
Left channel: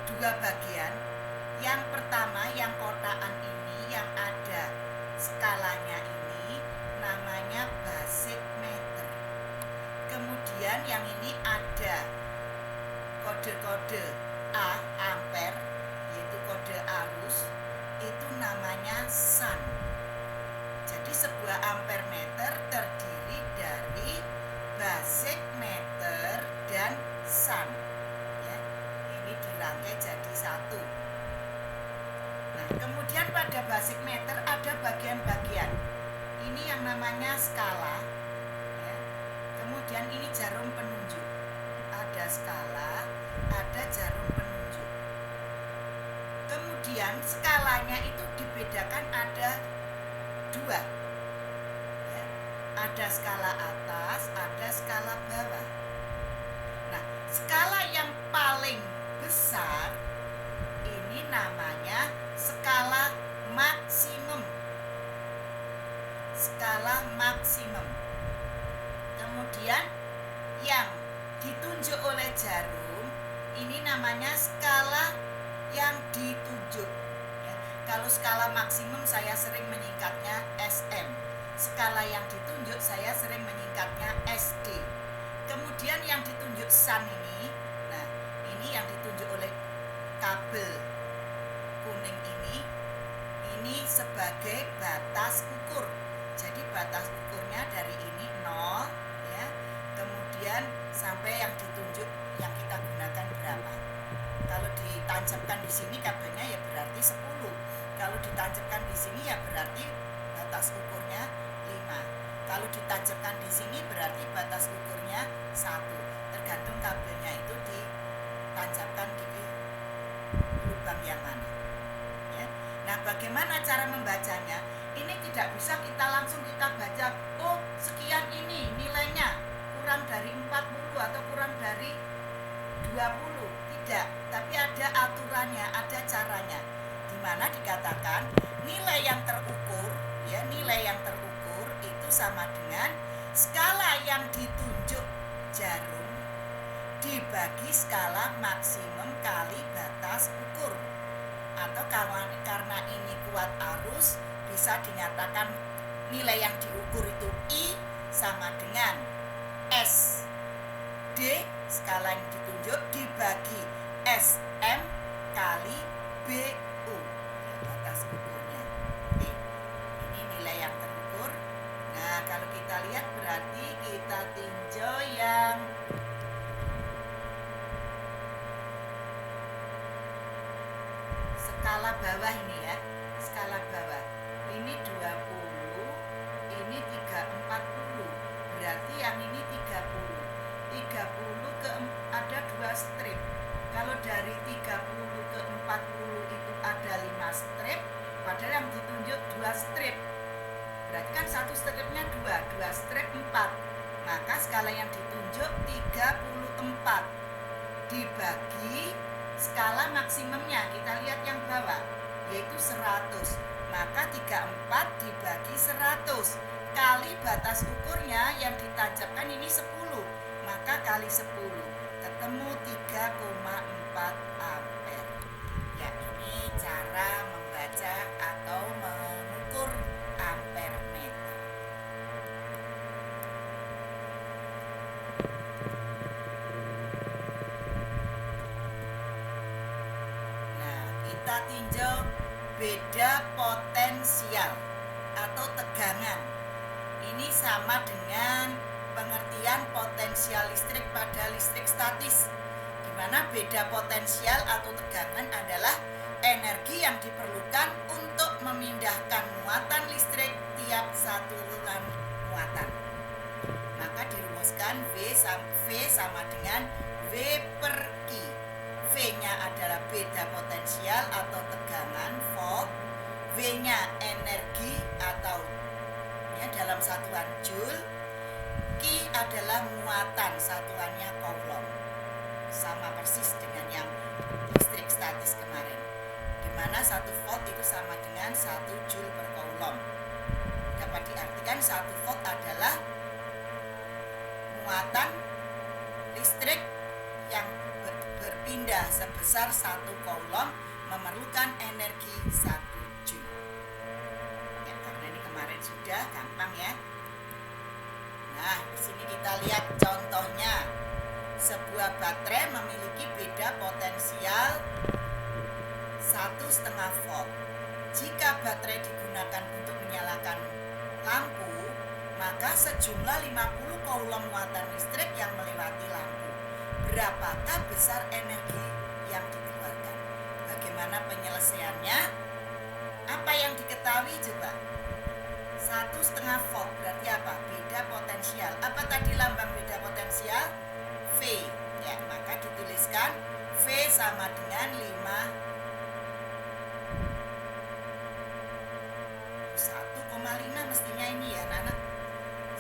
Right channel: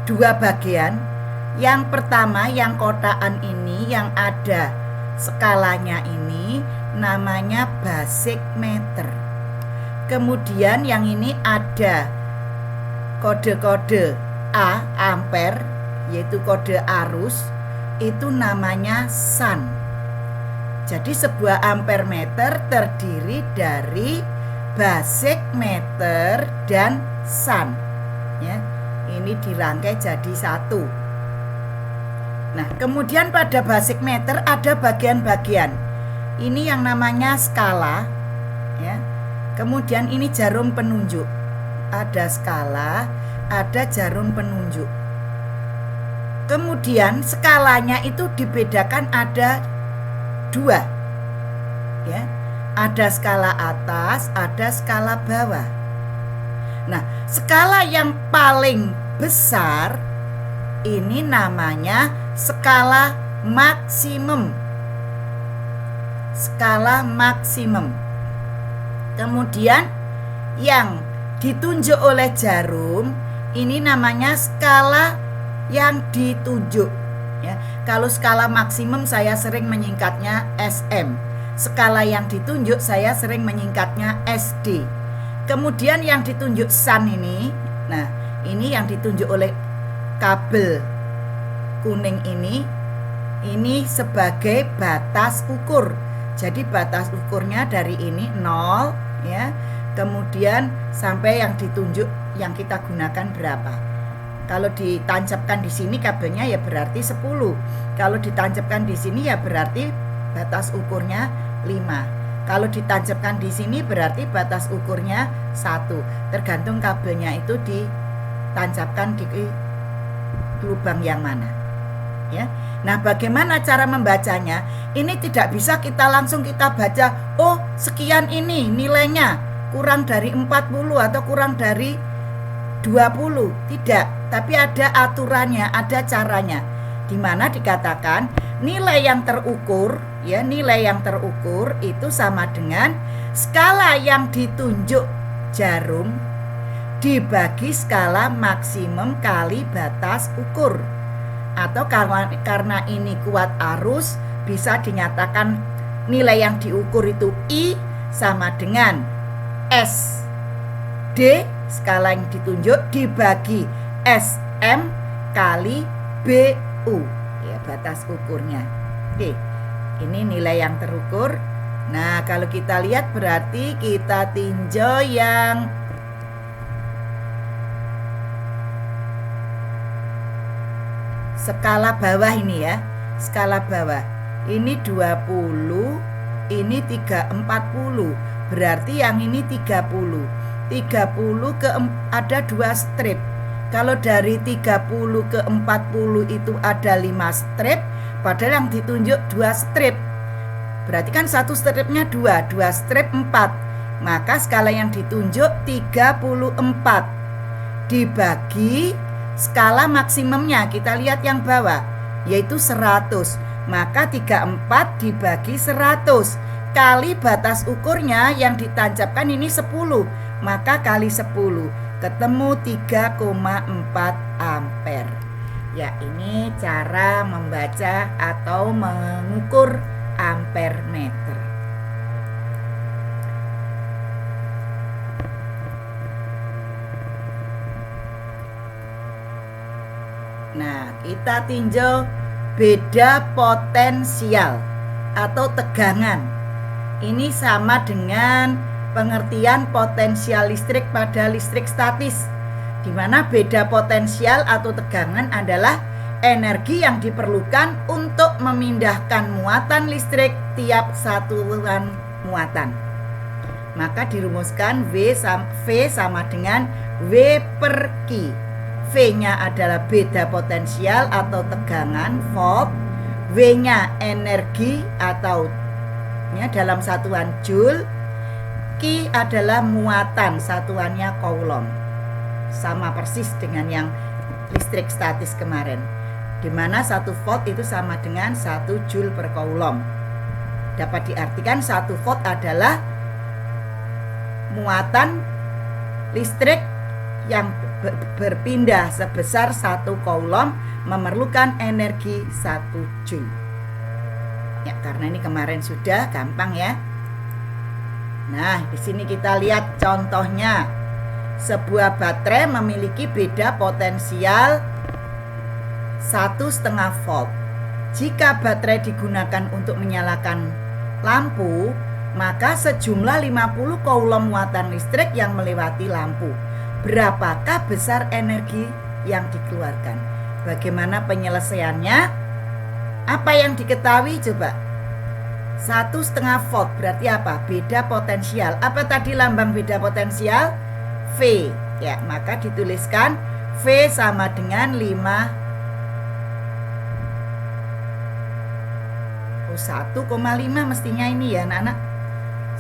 dua bagian. Yang pertama, yang kotaan ini, yang ada skalanya ini namanya basic meter. Kemudian yang ini ada kode-kode A, ampere, yaitu kode arus, itu namanya sun. Jadi sebuah ampere meter terdiri dari basic meter dan sun ya. Ini dirangkai jadi satu. Nah, kemudian pada basic meter ada bagian-bagian. Ini yang namanya skala ya. Kemudian ini jarum penunjuk. Ada skala, ada jarum penunjuk. Kemudian skalanya itu dibedakan ada dua ya. Ada skala atas, ada skala bawah. Nah, skala yang paling besar ini namanya skala maksimum. Skala maksimum. Kemudian yang ditunjuk oleh jarum ini namanya skala yang ditunjuk ya. Kalau skala maksimum saya sering menyingkatnya SM. Skala yang ditunjuk saya sering menyingkatnya SD. Kemudian yang ditunjuk sun ini, nah ini yang ditunjuk oleh kabel kuning ini sebagai batas ukur. Jadi batas ukurnya dari ini 0 ya. Kemudian sampai yang ditunjuk yang kita gunakan berapa. Kalau ditancapkan di sini kabelnya ya berarti 10. Kalau ditancapkan di sini ya berarti batas ukurnya 5. Kalau ditancapkan di sini berarti batas ukurnya 1. Tergantung kabelnya itu ditancapkan di lubang yang mana. Ya. Nah, bagaimana cara membacanya? Ini tidak bisa kita langsung kita baca, oh sekian ini nilainya, kurang dari 40 atau kurang dari 20. Tidak, tapi ada aturannya, ada caranya. Di mana dikatakan nilai yang terukur, ya, nilai yang terukur itu sama dengan skala yang ditunjuk jarum dibagi skala maksimum kali batas ukur. Atau karena ini kuat arus, bisa dinyatakan nilai yang diukur itu I sama dengan S D, skala yang ditunjuk, dibagi SM kali BU ya, batas ukurnya. Oke, ini nilai yang terukur. Nah, kalau kita lihat berarti kita tinjau yang skala bawah ini ya. Skala bawah ini 20, ini 340. Berarti yang ini 30 ke ada 2 strip. Kalau dari 30 ke 40 itu ada 5 strip, padahal yang ditunjuk 2 strip. Berarti kan satu stripnya 2 strip 4. Maka skala yang ditunjuk 34 dibagi skala maksimumnya, kita lihat yang bawah, yaitu 100. Maka 34 dibagi 100 kali batas ukurnya yang ditancapkan ini 10. Maka kali 10 ketemu 3,4 ampere. Ya, ini cara membaca atau mengukur ampere meter. Nah, kita tinjau beda potensial atau tegangan Ini sama dengan pengertian potensial listrik pada listrik statis, di mana beda potensial atau tegangan adalah energi yang diperlukan untuk memindahkan muatan listrik tiap satuan muatan. Maka dirumuskan V sama dengan W per Q. V-nya adalah beda potensial atau tegangan volt, W-nya energi atau dalam satuan joule, Q adalah muatan, satuannya coulomb. Sama persis dengan yang listrik statis kemarin, di mana 1 volt itu sama dengan 1 joule per coulomb. Dapat diartikan 1 volt adalah muatan listrik yang berpindah sebesar 1 coulomb memerlukan energi 1 joule. Ya, karena ini kemarin sudah gampang ya. Nah, di sini kita lihat contohnya. Sebuah baterai memiliki beda potensial 1,5 volt. Jika baterai digunakan untuk menyalakan lampu, maka sejumlah 50 coulomb muatan listrik yang melewati lampu. Berapakah besar energi yang dikeluarkan? Bagaimana penyelesaiannya? Apa yang diketahui coba? 1,5 volt berarti apa? Beda potensial. Apa tadi lambang beda potensial? V. Ya, maka dituliskan V sama dengan 1,5 mestinya ini ya anak-anak.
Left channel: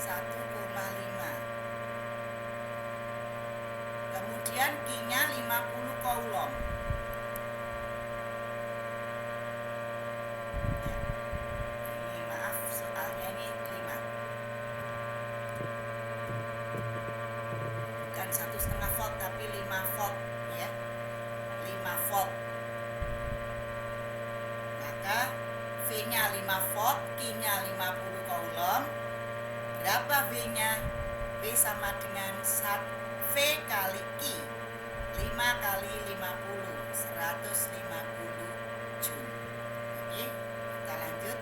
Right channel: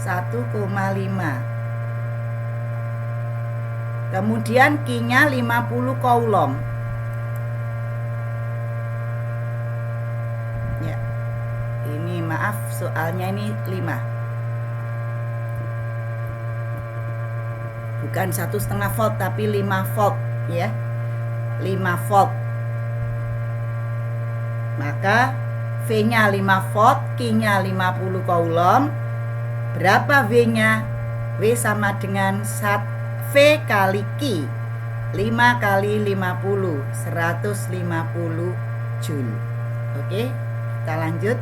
1,5. Kemudian Q-nya 50 coulomb. Ya. Ini maaf soalnya ini 5. Bukan 1,5 volt tapi 5 volt ya. 5 volt. Maka V-nya 5 volt, Q-nya 50 coulomb. Berapa V-nya? V sama dengan V kali Q. 5 kali 50, 150 joule. Oke, kita lanjut.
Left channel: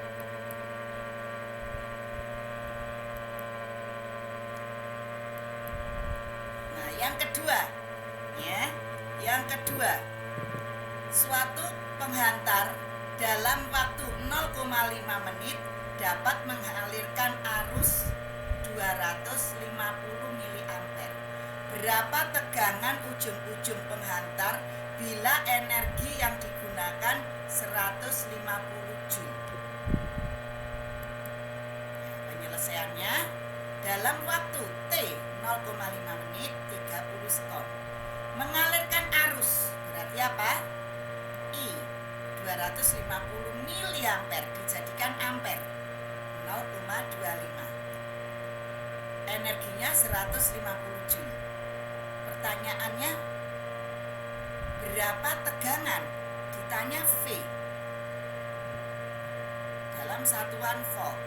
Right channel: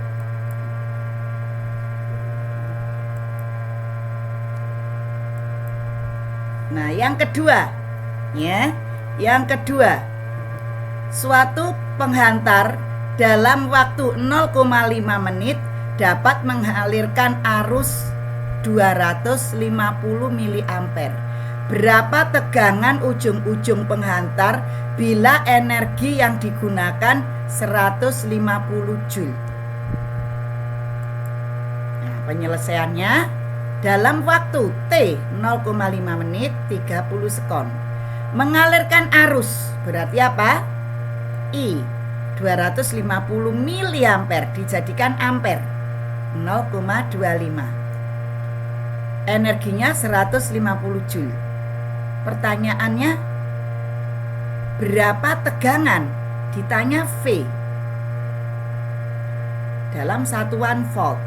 Nah, yang kedua, ya, yang kedua, suatu penghantar dalam waktu 0,5 menit dapat mengalirkan arus 250 mA. Berapa tegangan ujung-ujung penghantar bila energi yang digunakan 150 joule? Nah, penyelesaiannya dalam waktu T 0,5 menit 30 sekon. Mengalirkan arus berarti apa? I 250 mA dijadikan ampere 0,25. Energinya 150 joule. Pertanyaannya, berapa tegangan? Ditanya V dalam satuan volt.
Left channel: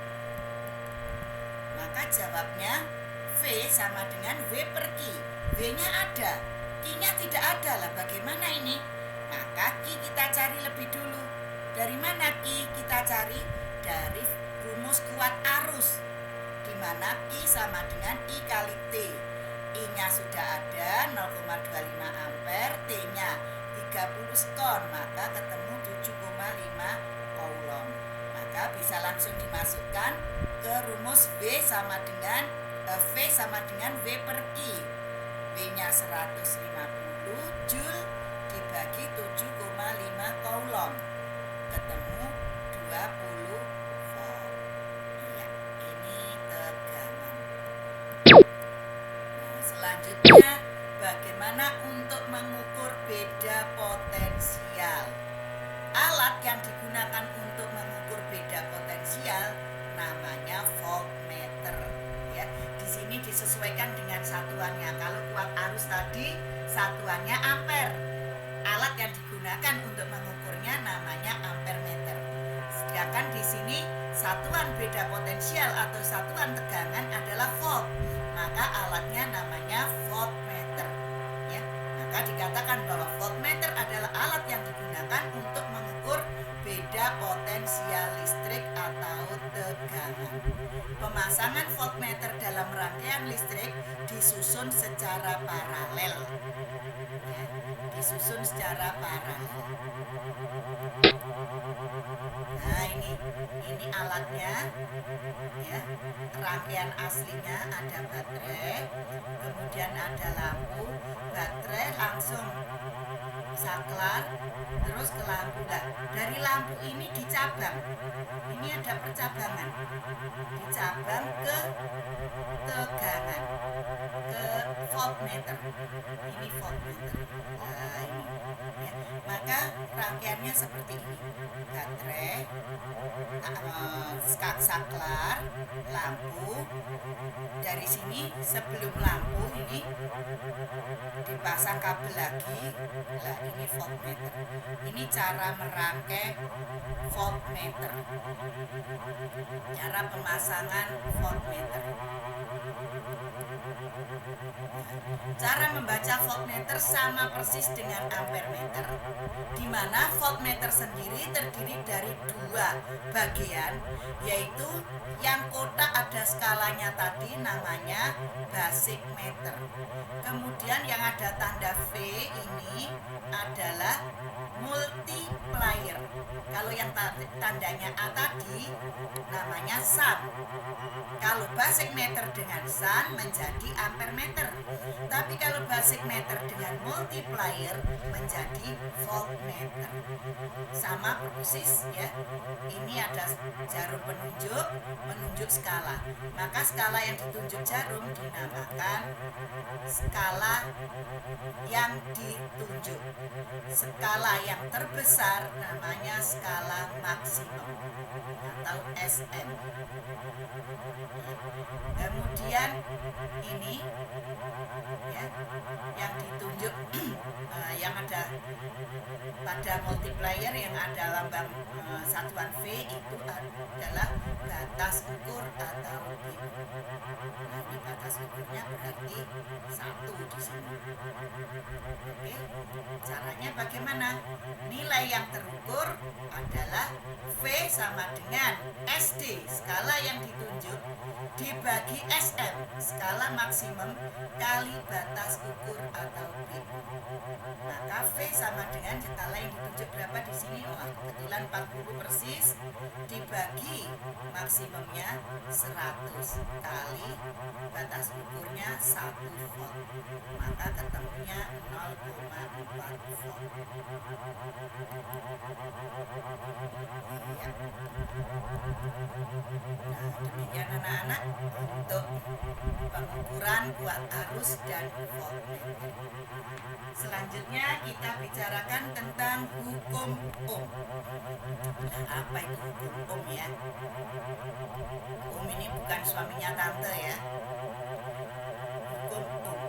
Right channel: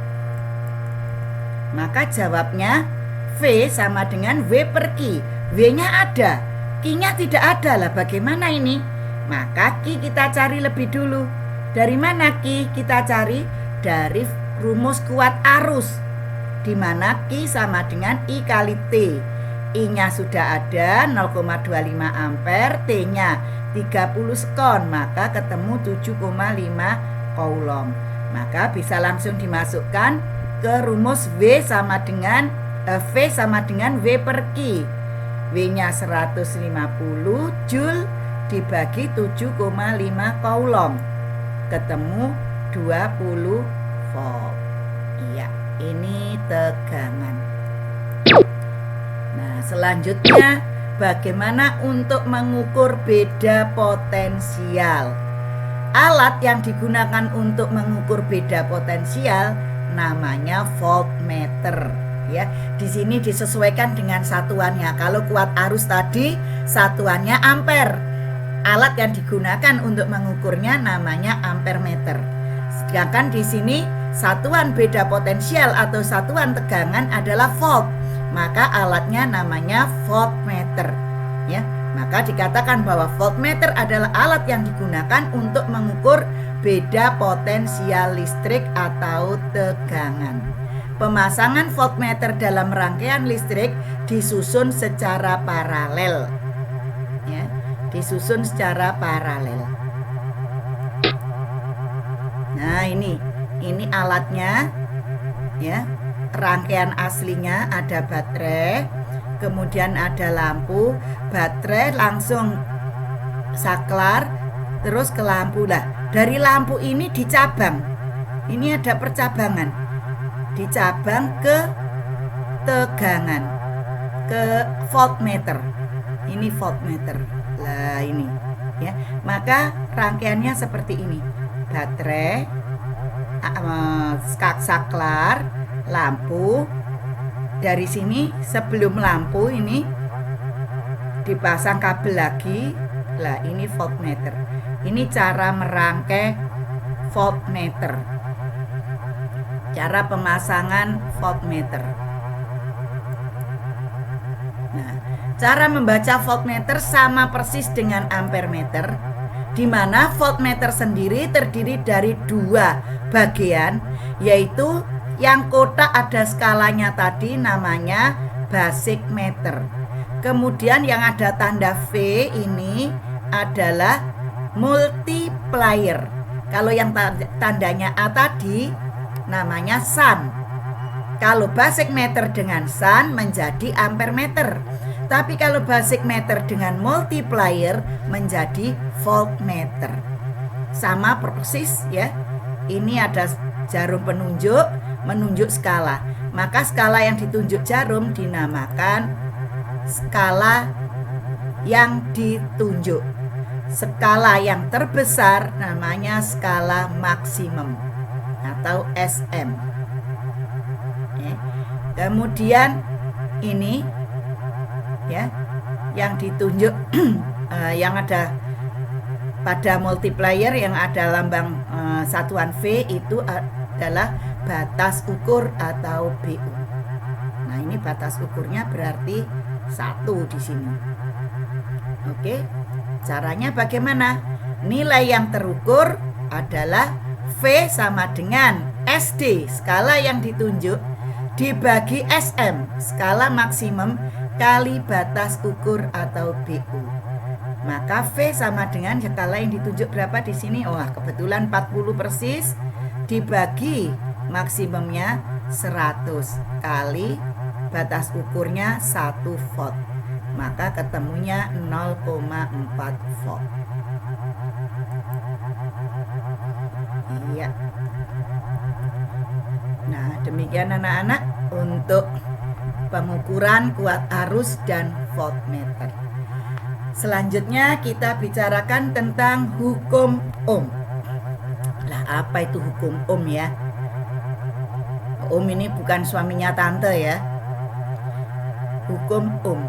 Maka jawabnya V sama dengan W per Q. W-nya ada, Q-nya tidak ada. Lah bagaimana ini? Maka Q kita cari lebih dulu. Dari mana Q kita cari? Dari rumus kuat arus, di mana Q sama dengan I kali T. I-nya sudah ada 0,25 ampere, T-nya 30 sekon, maka ketemu 7,5 coulomb. Maka bisa langsung dimasukkan ke rumus V sama dengan W per Q. W-nya 150 joule dibagi 7,5 coulomb, ketemu 20 volt. Iya, ini tegangan. Nah, selanjutnya bagaimana untuk mengukur beda potensial? Alat yang digunakan untuk mengukur beda potensial namanya voltmeter. Ya, di sini disesuaikan dengan satuannya. Kalau kuat arus tadi satuannya ampere. Alat yang digunakan untuk mengukurnya namanya ampermeter. Sedangkan di sini satuan beda potensial atau satuan tegangan adalah volt. Maka alatnya namanya voltmeter. Ya, maka dikatakan bahwa voltmeter adalah alat yang digunakan untuk mengukur beda potensial listrik atau tegangan. Pemasangan voltmeter dalam rangkaian listrik disusun secara paralel. Ya, disusun secara paralel. Nah, ini alatnya ya. Rangkaian aslinya ada baterai, kemudian ada lampu, baterai langsung saklar terus ke lampu. Lah, dari lampu ini dicabang. Ini ada percabangan. Dicabang ke tegangan, ke voltmeter. Ini voltmeter. Lah, ini ya. Maka rangkaiannya seperti ini. Baterai, saklar, lampu. Dari sini sebelum lampu ini dipasang kabel lagi. Lah, ini voltmeter. Ini cara merangkai voltmeter. Cara pemasangan voltmeter. Nah, cara membaca voltmeter sama persis dengan ampermeter, di mana voltmeter sendiri terdiri dari dua bagian, yaitu yang kotak ada skalanya tadi namanya basic meter. Kemudian yang ada tanda V ini adalah multiplier. Kalau yang tandanya A tadi namanya sun. Kalau basic meter dengan sun menjadi ampermeter. Tapi kalau basic meter dengan multiplier menjadi voltmeter. Sama persis ya. Ini ada jarum penunjuk menunjuk skala. Maka skala yang ditunjuk jarum dinamakan skala yang ditunjuk. Skala yang terbesar namanya skala maksimum atau SM. Kemudian ini ya, yang ditunjuk yang ada pada multiplier yang ada lambang satuan V itu adalah batas ukur atau BU. Nah, ini batas ukurnya berarti 1 di sini. Oke. Caranya bagaimana? Nilai yang terukur adalah V sama dengan SD, skala yang ditunjuk, dibagi SM, skala maksimum, kali batas ukur atau BU. Maka V sama dengan skala yang ditunjuk berapa di sini? Wah, kebetulan 40 persis, dibagi maksimumnya 100 kali batas ukurnya 1 volt. Maka ketemunya 0,4 volt. Iya. Nah, demikian anak-anak untuk pengukuran kuat arus dan voltmeter. Selanjutnya kita bicarakan tentang hukum Ohm. Lah, apa itu hukum Ohm ya? Ohm ini bukan suaminya tante ya. Hukum Ohm,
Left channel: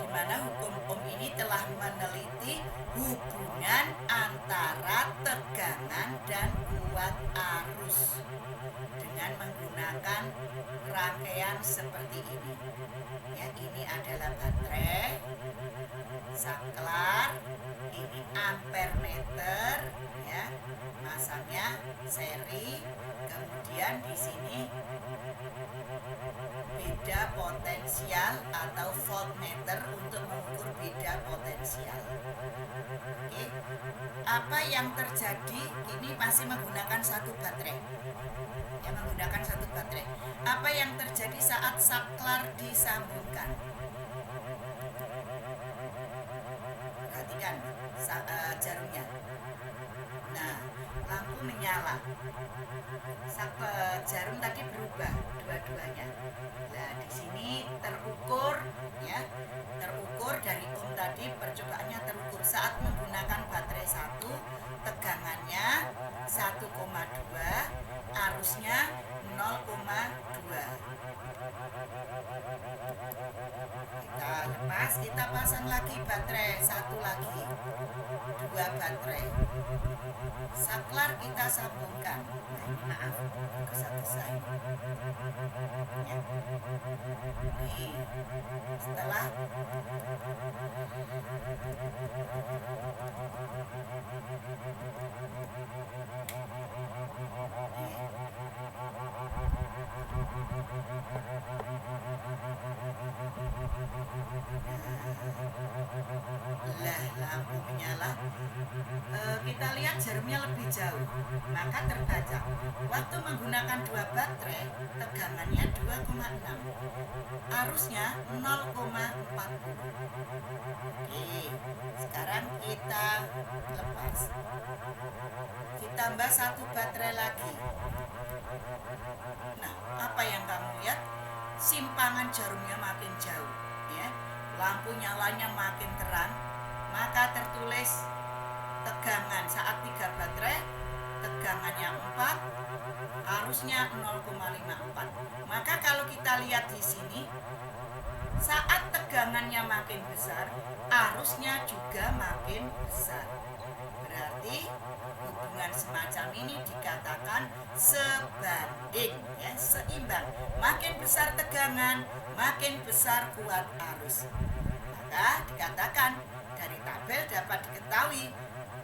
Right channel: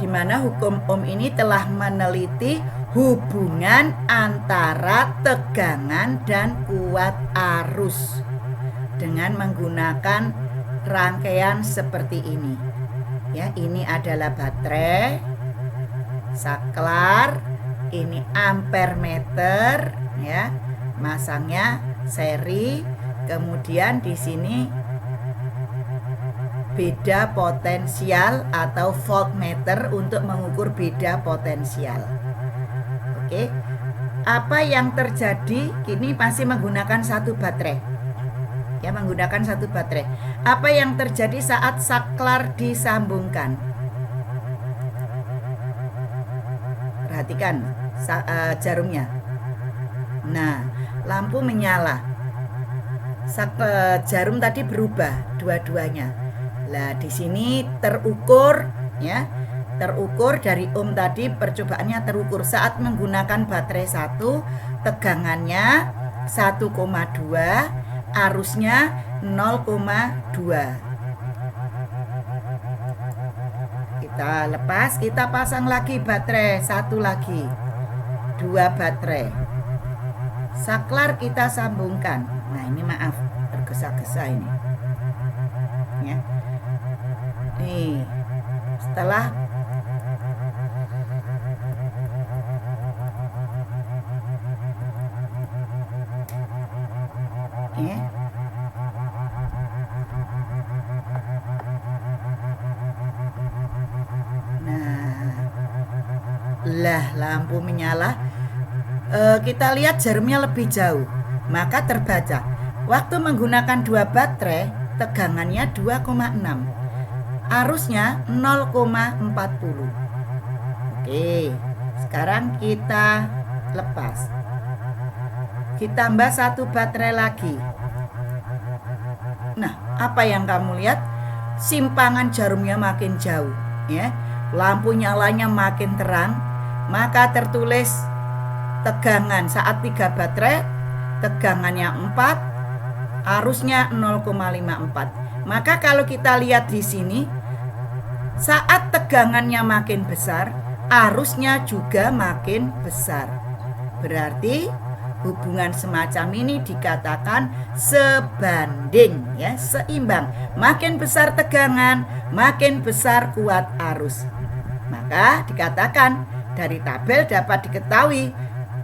di mana hukum Ohm ini telah meneliti hubungan antara tegangan dan kuat arus dengan menggunakan rangkaian seperti ini. Ya, ini adalah baterai, saklar, ini ampermeter ya. Masangnya seri, kemudian di sini beda potensial atau voltmeter untuk mengukur beda potensial. Oke. Apa yang terjadi? Ini masih menggunakan satu baterai. Ya, menggunakan satu baterai. Apa yang terjadi saat saklar disambungkan? Perhatikan jarumnya. Nah, lampu menyala. Jarum tadi berubah dua-duanya. Nah, di sini terukur ya. Terukur dari ohm tadi, percobaannya terukur saat menggunakan baterai 1, tegangannya 1,2, arusnya 0,2. Kita lepas, kita pasang lagi baterai 1 lagi. 2 baterai. Saklar kita sambungkan. Nah, ini maaf, tergesa-gesa ini. Ya. Nih, setelah Lah, lampu menyala. Kita lihat jarumnya lebih jauh, maka terbaca. Waktu menggunakan 2 baterai, tegangannya 2,6. Arusnya 0,40. Oke, sekarang kita lepas. Ditambah 1 baterai lagi. Nah, apa yang kamu lihat? Simpangan jarumnya makin jauh, ya. Lampu nyalanya makin terang, maka tertulis tegangan saat 3 baterai, tegangannya 4, arusnya 0,54. Maka kalau kita lihat di sini, saat tegangannya makin besar, arusnya juga makin besar. Berarti hubungan semacam ini dikatakan sebanding, ya, seimbang. Makin besar tegangan, makin besar kuat arus. Maka dikatakan dari tabel dapat diketahui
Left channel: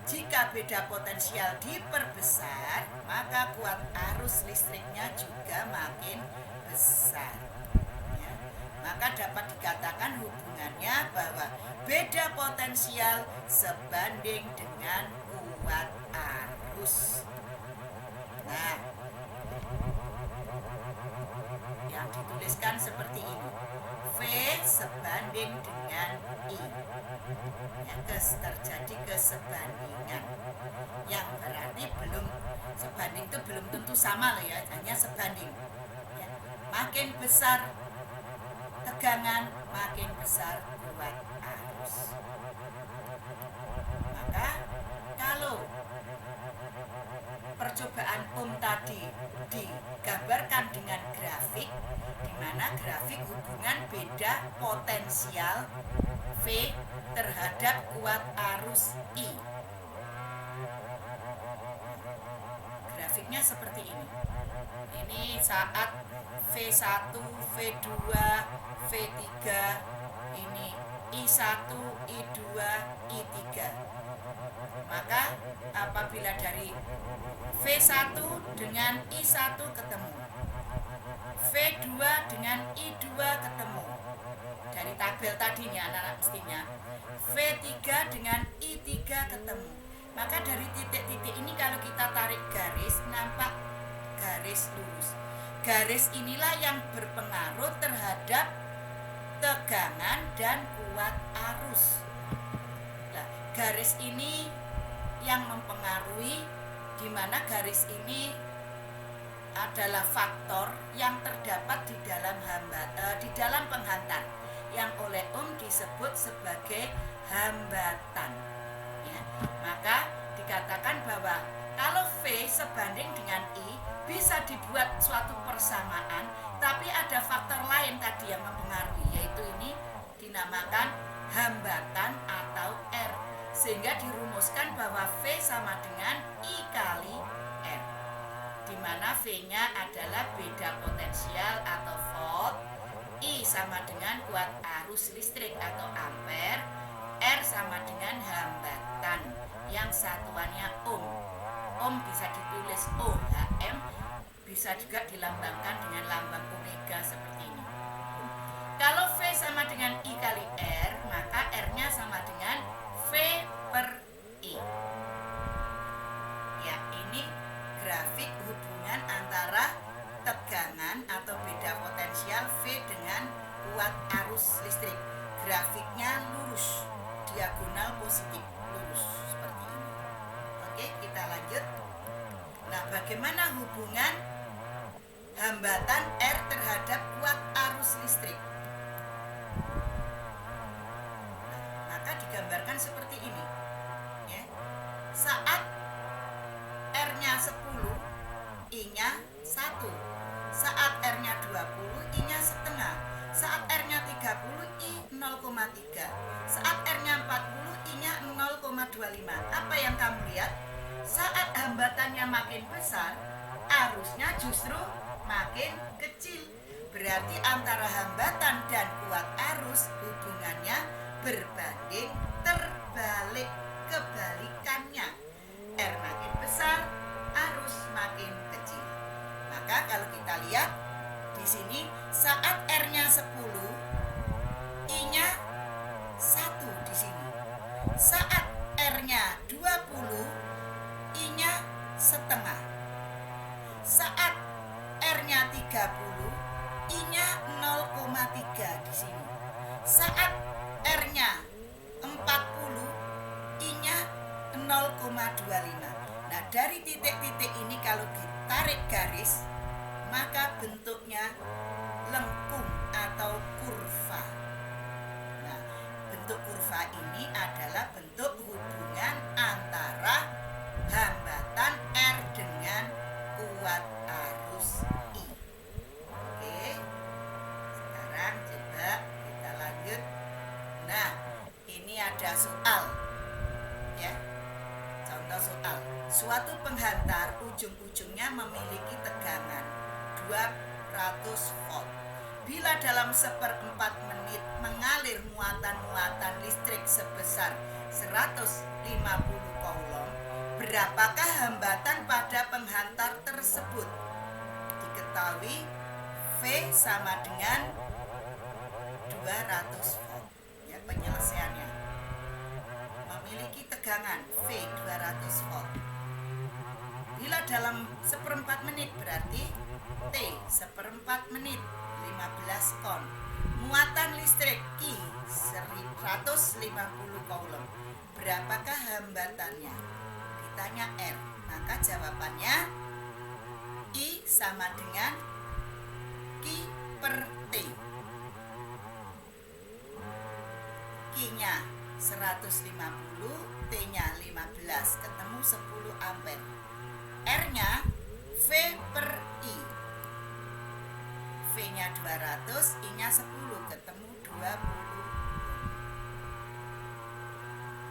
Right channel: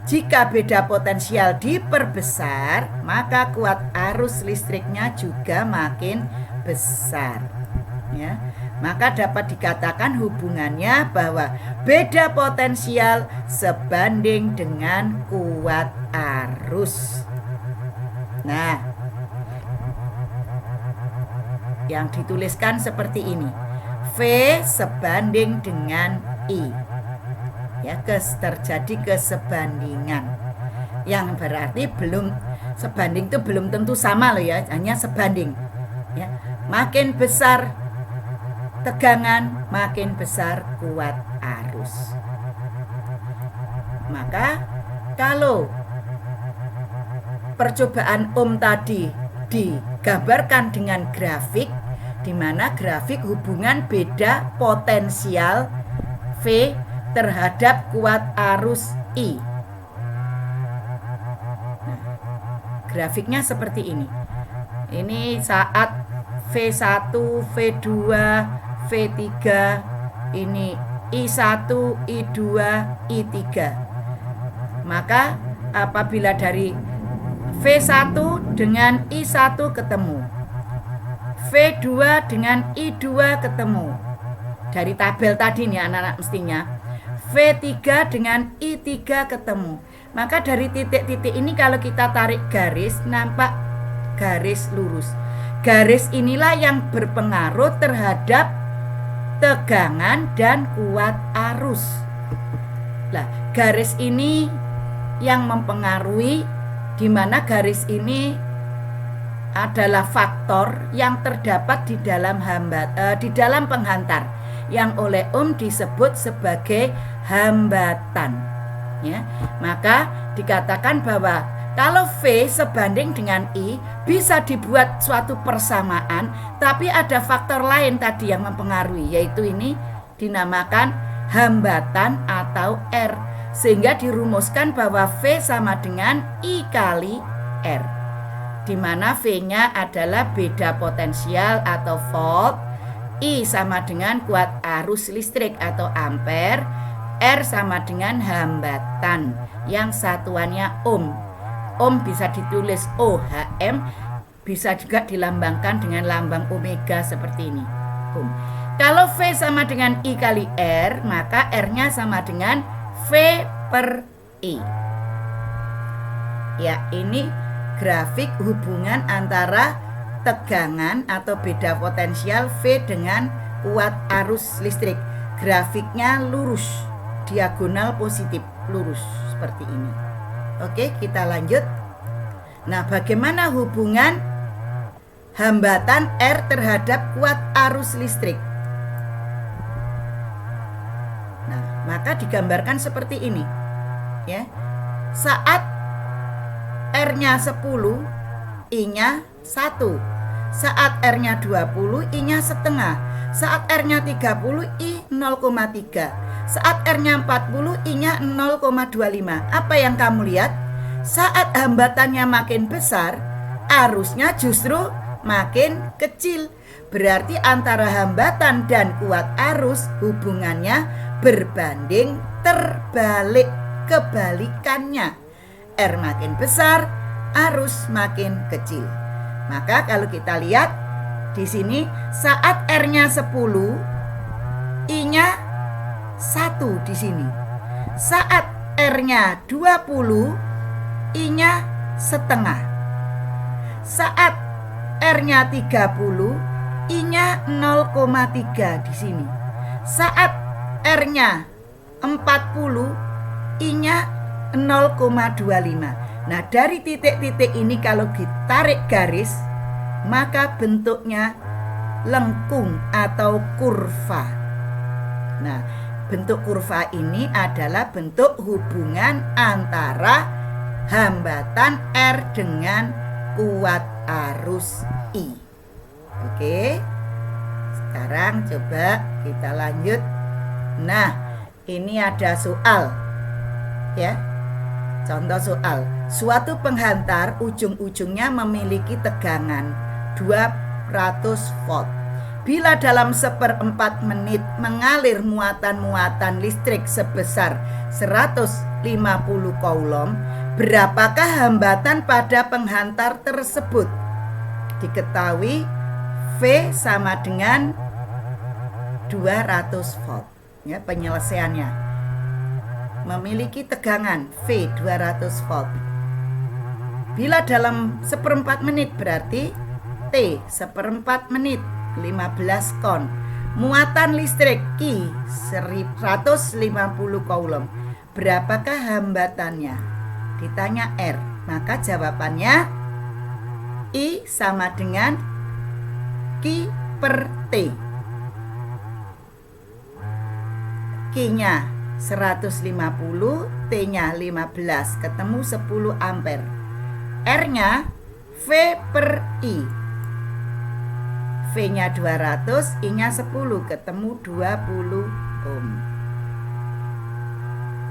jika beda potensial diperbesar, maka kuat arus listriknya juga makin besar, ya. Maka dapat dikatakan hubungannya bahwa beda potensial sebanding dengan kuat arus. Nah, yang dituliskan seperti ini. V sebanding dengan I. Ya, terjadi kesebandingan. Yang berarti belum sebanding itu belum tentu sama loh ya, hanya sebanding. Ya, makin besar tegangan, makin besar kuat arus. Maka kalau percobaan tadi digambarkan dengan grafik, di mana grafik hubungan beda potensial V terhadap kuat arus I. Nah, grafiknya seperti ini. Ini saat V1, V2, V3, ini I1, I2, I3. Maka apabila dari V1 dengan I1 ketemu, V2 dengan I2 ketemu, dari tabel tadi nih anak-anak mestinya, V3 dengan I3 ketemu. Maka dari titik-titik ini kalau kita tarik garis, nampak garis lurus. Garis inilah yang berpengaruh terhadap tegangan dan kuat arus. Nah, garis ini yang mempengaruhi, di mana garis ini adalah faktor yang terdapat di dalam di dalam penghantar yang oleh disebut sebagai hambatan. Ya, maka dikatakan bahwa kalau V sebanding dengan I bisa dibuat suatu persamaan, tapi ada faktor lain tadi yang mempengaruhi, yaitu ini dinamakan hambatan atau R, sehingga dirumuskan bahwa V sama dengan I kali R, di mana V-nya adalah beda potensial atau volt, I sama dengan kuat arus listrik atau ampere, R sama dengan hambatan yang satuannya ohm. Ohm bisa ditulis OHM, bisa juga dilambangkan dengan lambang omega seperti ini, ohm. Kalau V sama dengan I kali R, maka R-nya sama dengan V per I. Ya, ini grafik hubungan antara tegangan atau beda potensial V dengan kuat arus listrik. Grafiknya lurus, diagonal positif, lurus seperti ini. Oke, kita lanjut. Nah, bagaimana hubungan hambatan R terhadap kuat arus listrik? Nah, maka digambarkan seperti ini. Ya. Saat R-nya 10, I-nya 1. Saat R-nya 20, I-nya setengah. Saat R-nya 30, I 0,3. Saat R-nya 40, I-nya 0,25. Apa yang kamu lihat? Saat hambatannya makin besar, arusnya justru makin kecil. Berarti antara hambatan dan kuat arus hubungannya berbanding terbalik, kebalikannya. R makin besar, arus makin kecil. Maka kalau kita lihat di sini, saat R-nya 10, I-nya 1 di sini. Saat R-nya 20, I-nya setengah. Saat R-nya 30, I-nya 0,3 di sini. Saat R-nya 40, I-nya 0,25. Nah, dari titik-titik ini kalau ditarik garis, maka bentuknya lengkung atau kurva. Nah, bentuk kurva ini adalah bentuk hubungan antara hambatan R dengan kuat arus I. Oke, sekarang coba kita lanjut. Nah, ini ada soal ya. Contoh soal. Suatu penghantar ujung-ujungnya memiliki tegangan 200 volt. Bila dalam 1/4 menit mengalir muatan-muatan listrik sebesar 150 coulomb, berapakah hambatan pada penghantar tersebut? Diketahui V sama dengan 200 volt. Ya, penyelesaiannya. Memiliki tegangan V 200 volt. Bila dalam 1/4 menit berarti T 1/4 menit 15 kon. Muatan listrik Q 150 coulomb. Berapakah hambatannya? Ditanya R. Maka jawabannya I sama dengan Q per T. Q-nya 150, T-nya 15, ketemu 10 ampere. R-nya V per I. V-nya 200, I-nya 10, ketemu 20 ohm.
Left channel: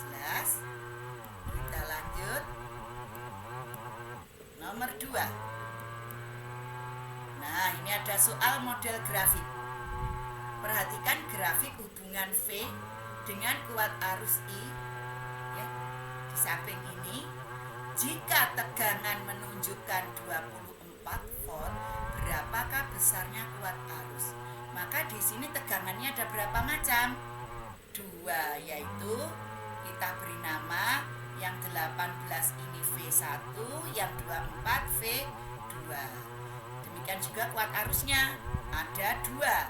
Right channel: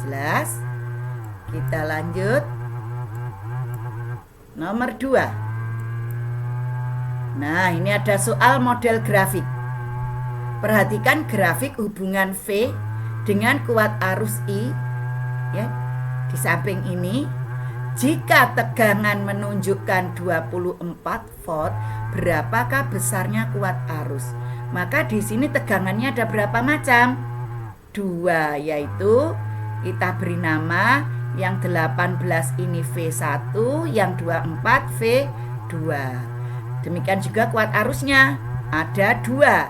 Jelas? Kita lanjut. Nomor 2. Nah, ini ada soal model grafik. Perhatikan grafik hubungan V dengan kuat arus I ya, di samping ini. Jika tegangan menunjukkan 24 volt, berapakah besarnya kuat arus? Maka di sini tegangannya ada berapa macam? 2, yaitu kita beri nama yang 18 ini V1, yang 24 V2. Demikian juga kuat arusnya ada 2.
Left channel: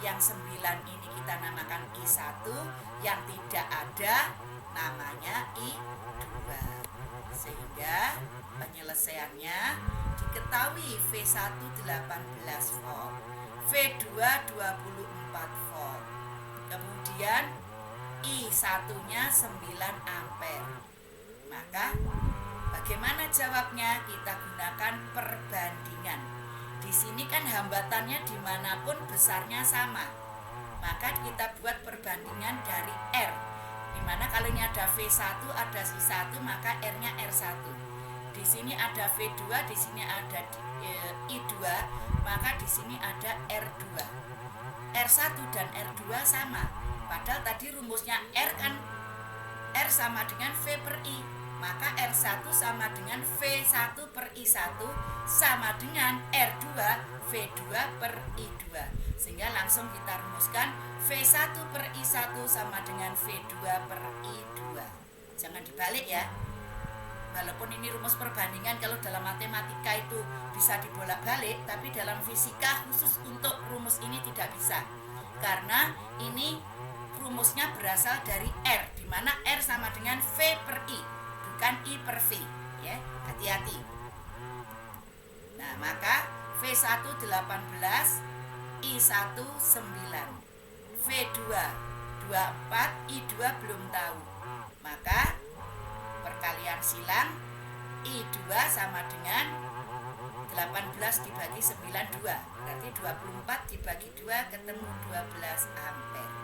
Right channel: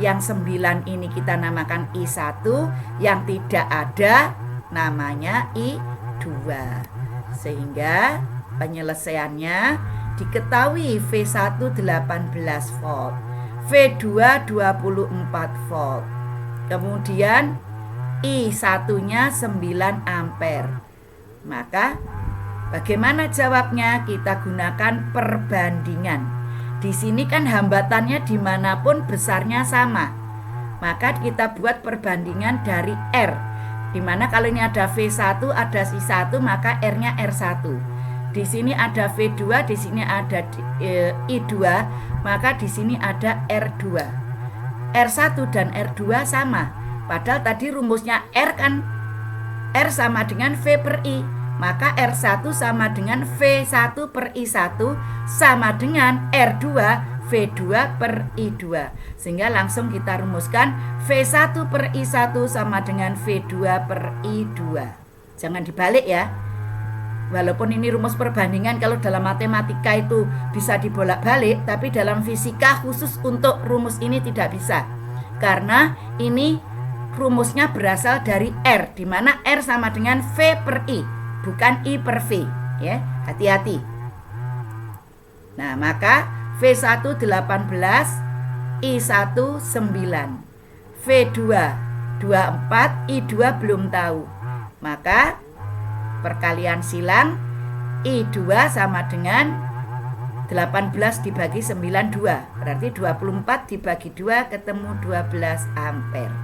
Yang 9 ini kita namakan I1, yang tidak ada namanya I2. Sehingga penyelesaiannya diketahui V1 18 volt, V2 24 volt. Kemudian I1-nya 9 ampere. Maka bagaimana jawabnya? Kita gunakan perbandingan. Di sini kan hambatannya dimanapun besarnya sama. Maka kita buat perbandingan dari R. Dimana kalau ini ada V1, ada I1, maka R-nya R1. Di sini ada V2, di sini ada I2, maka di sini ada R2. R1 dan R2 sama. Padahal tadi rumusnya R kan R sama dengan V per I. Maka R1 sama dengan V1 per I1 sama dengan R2 V2 per I2. Sehingga langsung kita rumuskan V1 per I1 sama dengan V2 per I2. Jangan dibalik ya. Walaupun ini rumus perbandingan, kalau dalam matematika itu bisa dibolak-balik, tapi dalam fisika khusus untuk rumus ini tidak bisa. Karena ini rumusnya berasal dari R, di mana R sama dengan V per I, bukan I per V. Ya, hati-hati. Nah, maka V1 18, I1 9, V2 24, I2 belum tahu. Maka perkalian silang, I2 sama dengan 18 dibagi 9, 2. Berarti 24 dibagi 2 ketemu 12 ampere.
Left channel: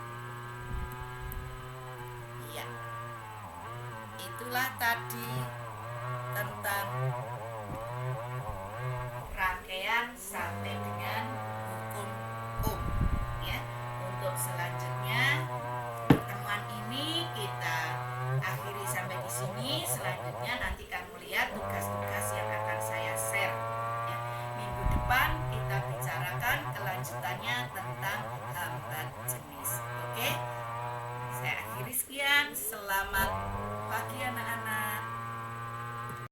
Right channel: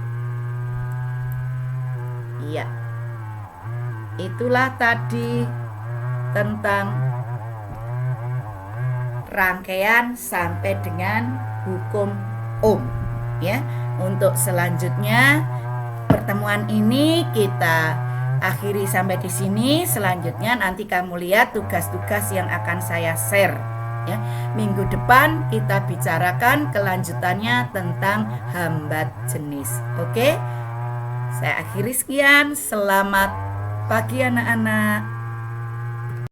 Iya. Itulah tadi tentang rangkaian sampai dengan hukum Ohm ya. Untuk selanjutnya pertemuan ini kita akhiri sampai di sini. Selanjutnya nanti kamu lihat tugas-tugas yang akan saya share ya. Minggu depan kita bicarakan kelanjutannya tentang hambat jenis. Oke? Saya akhiri sekian. Selamat pagi anak-anak.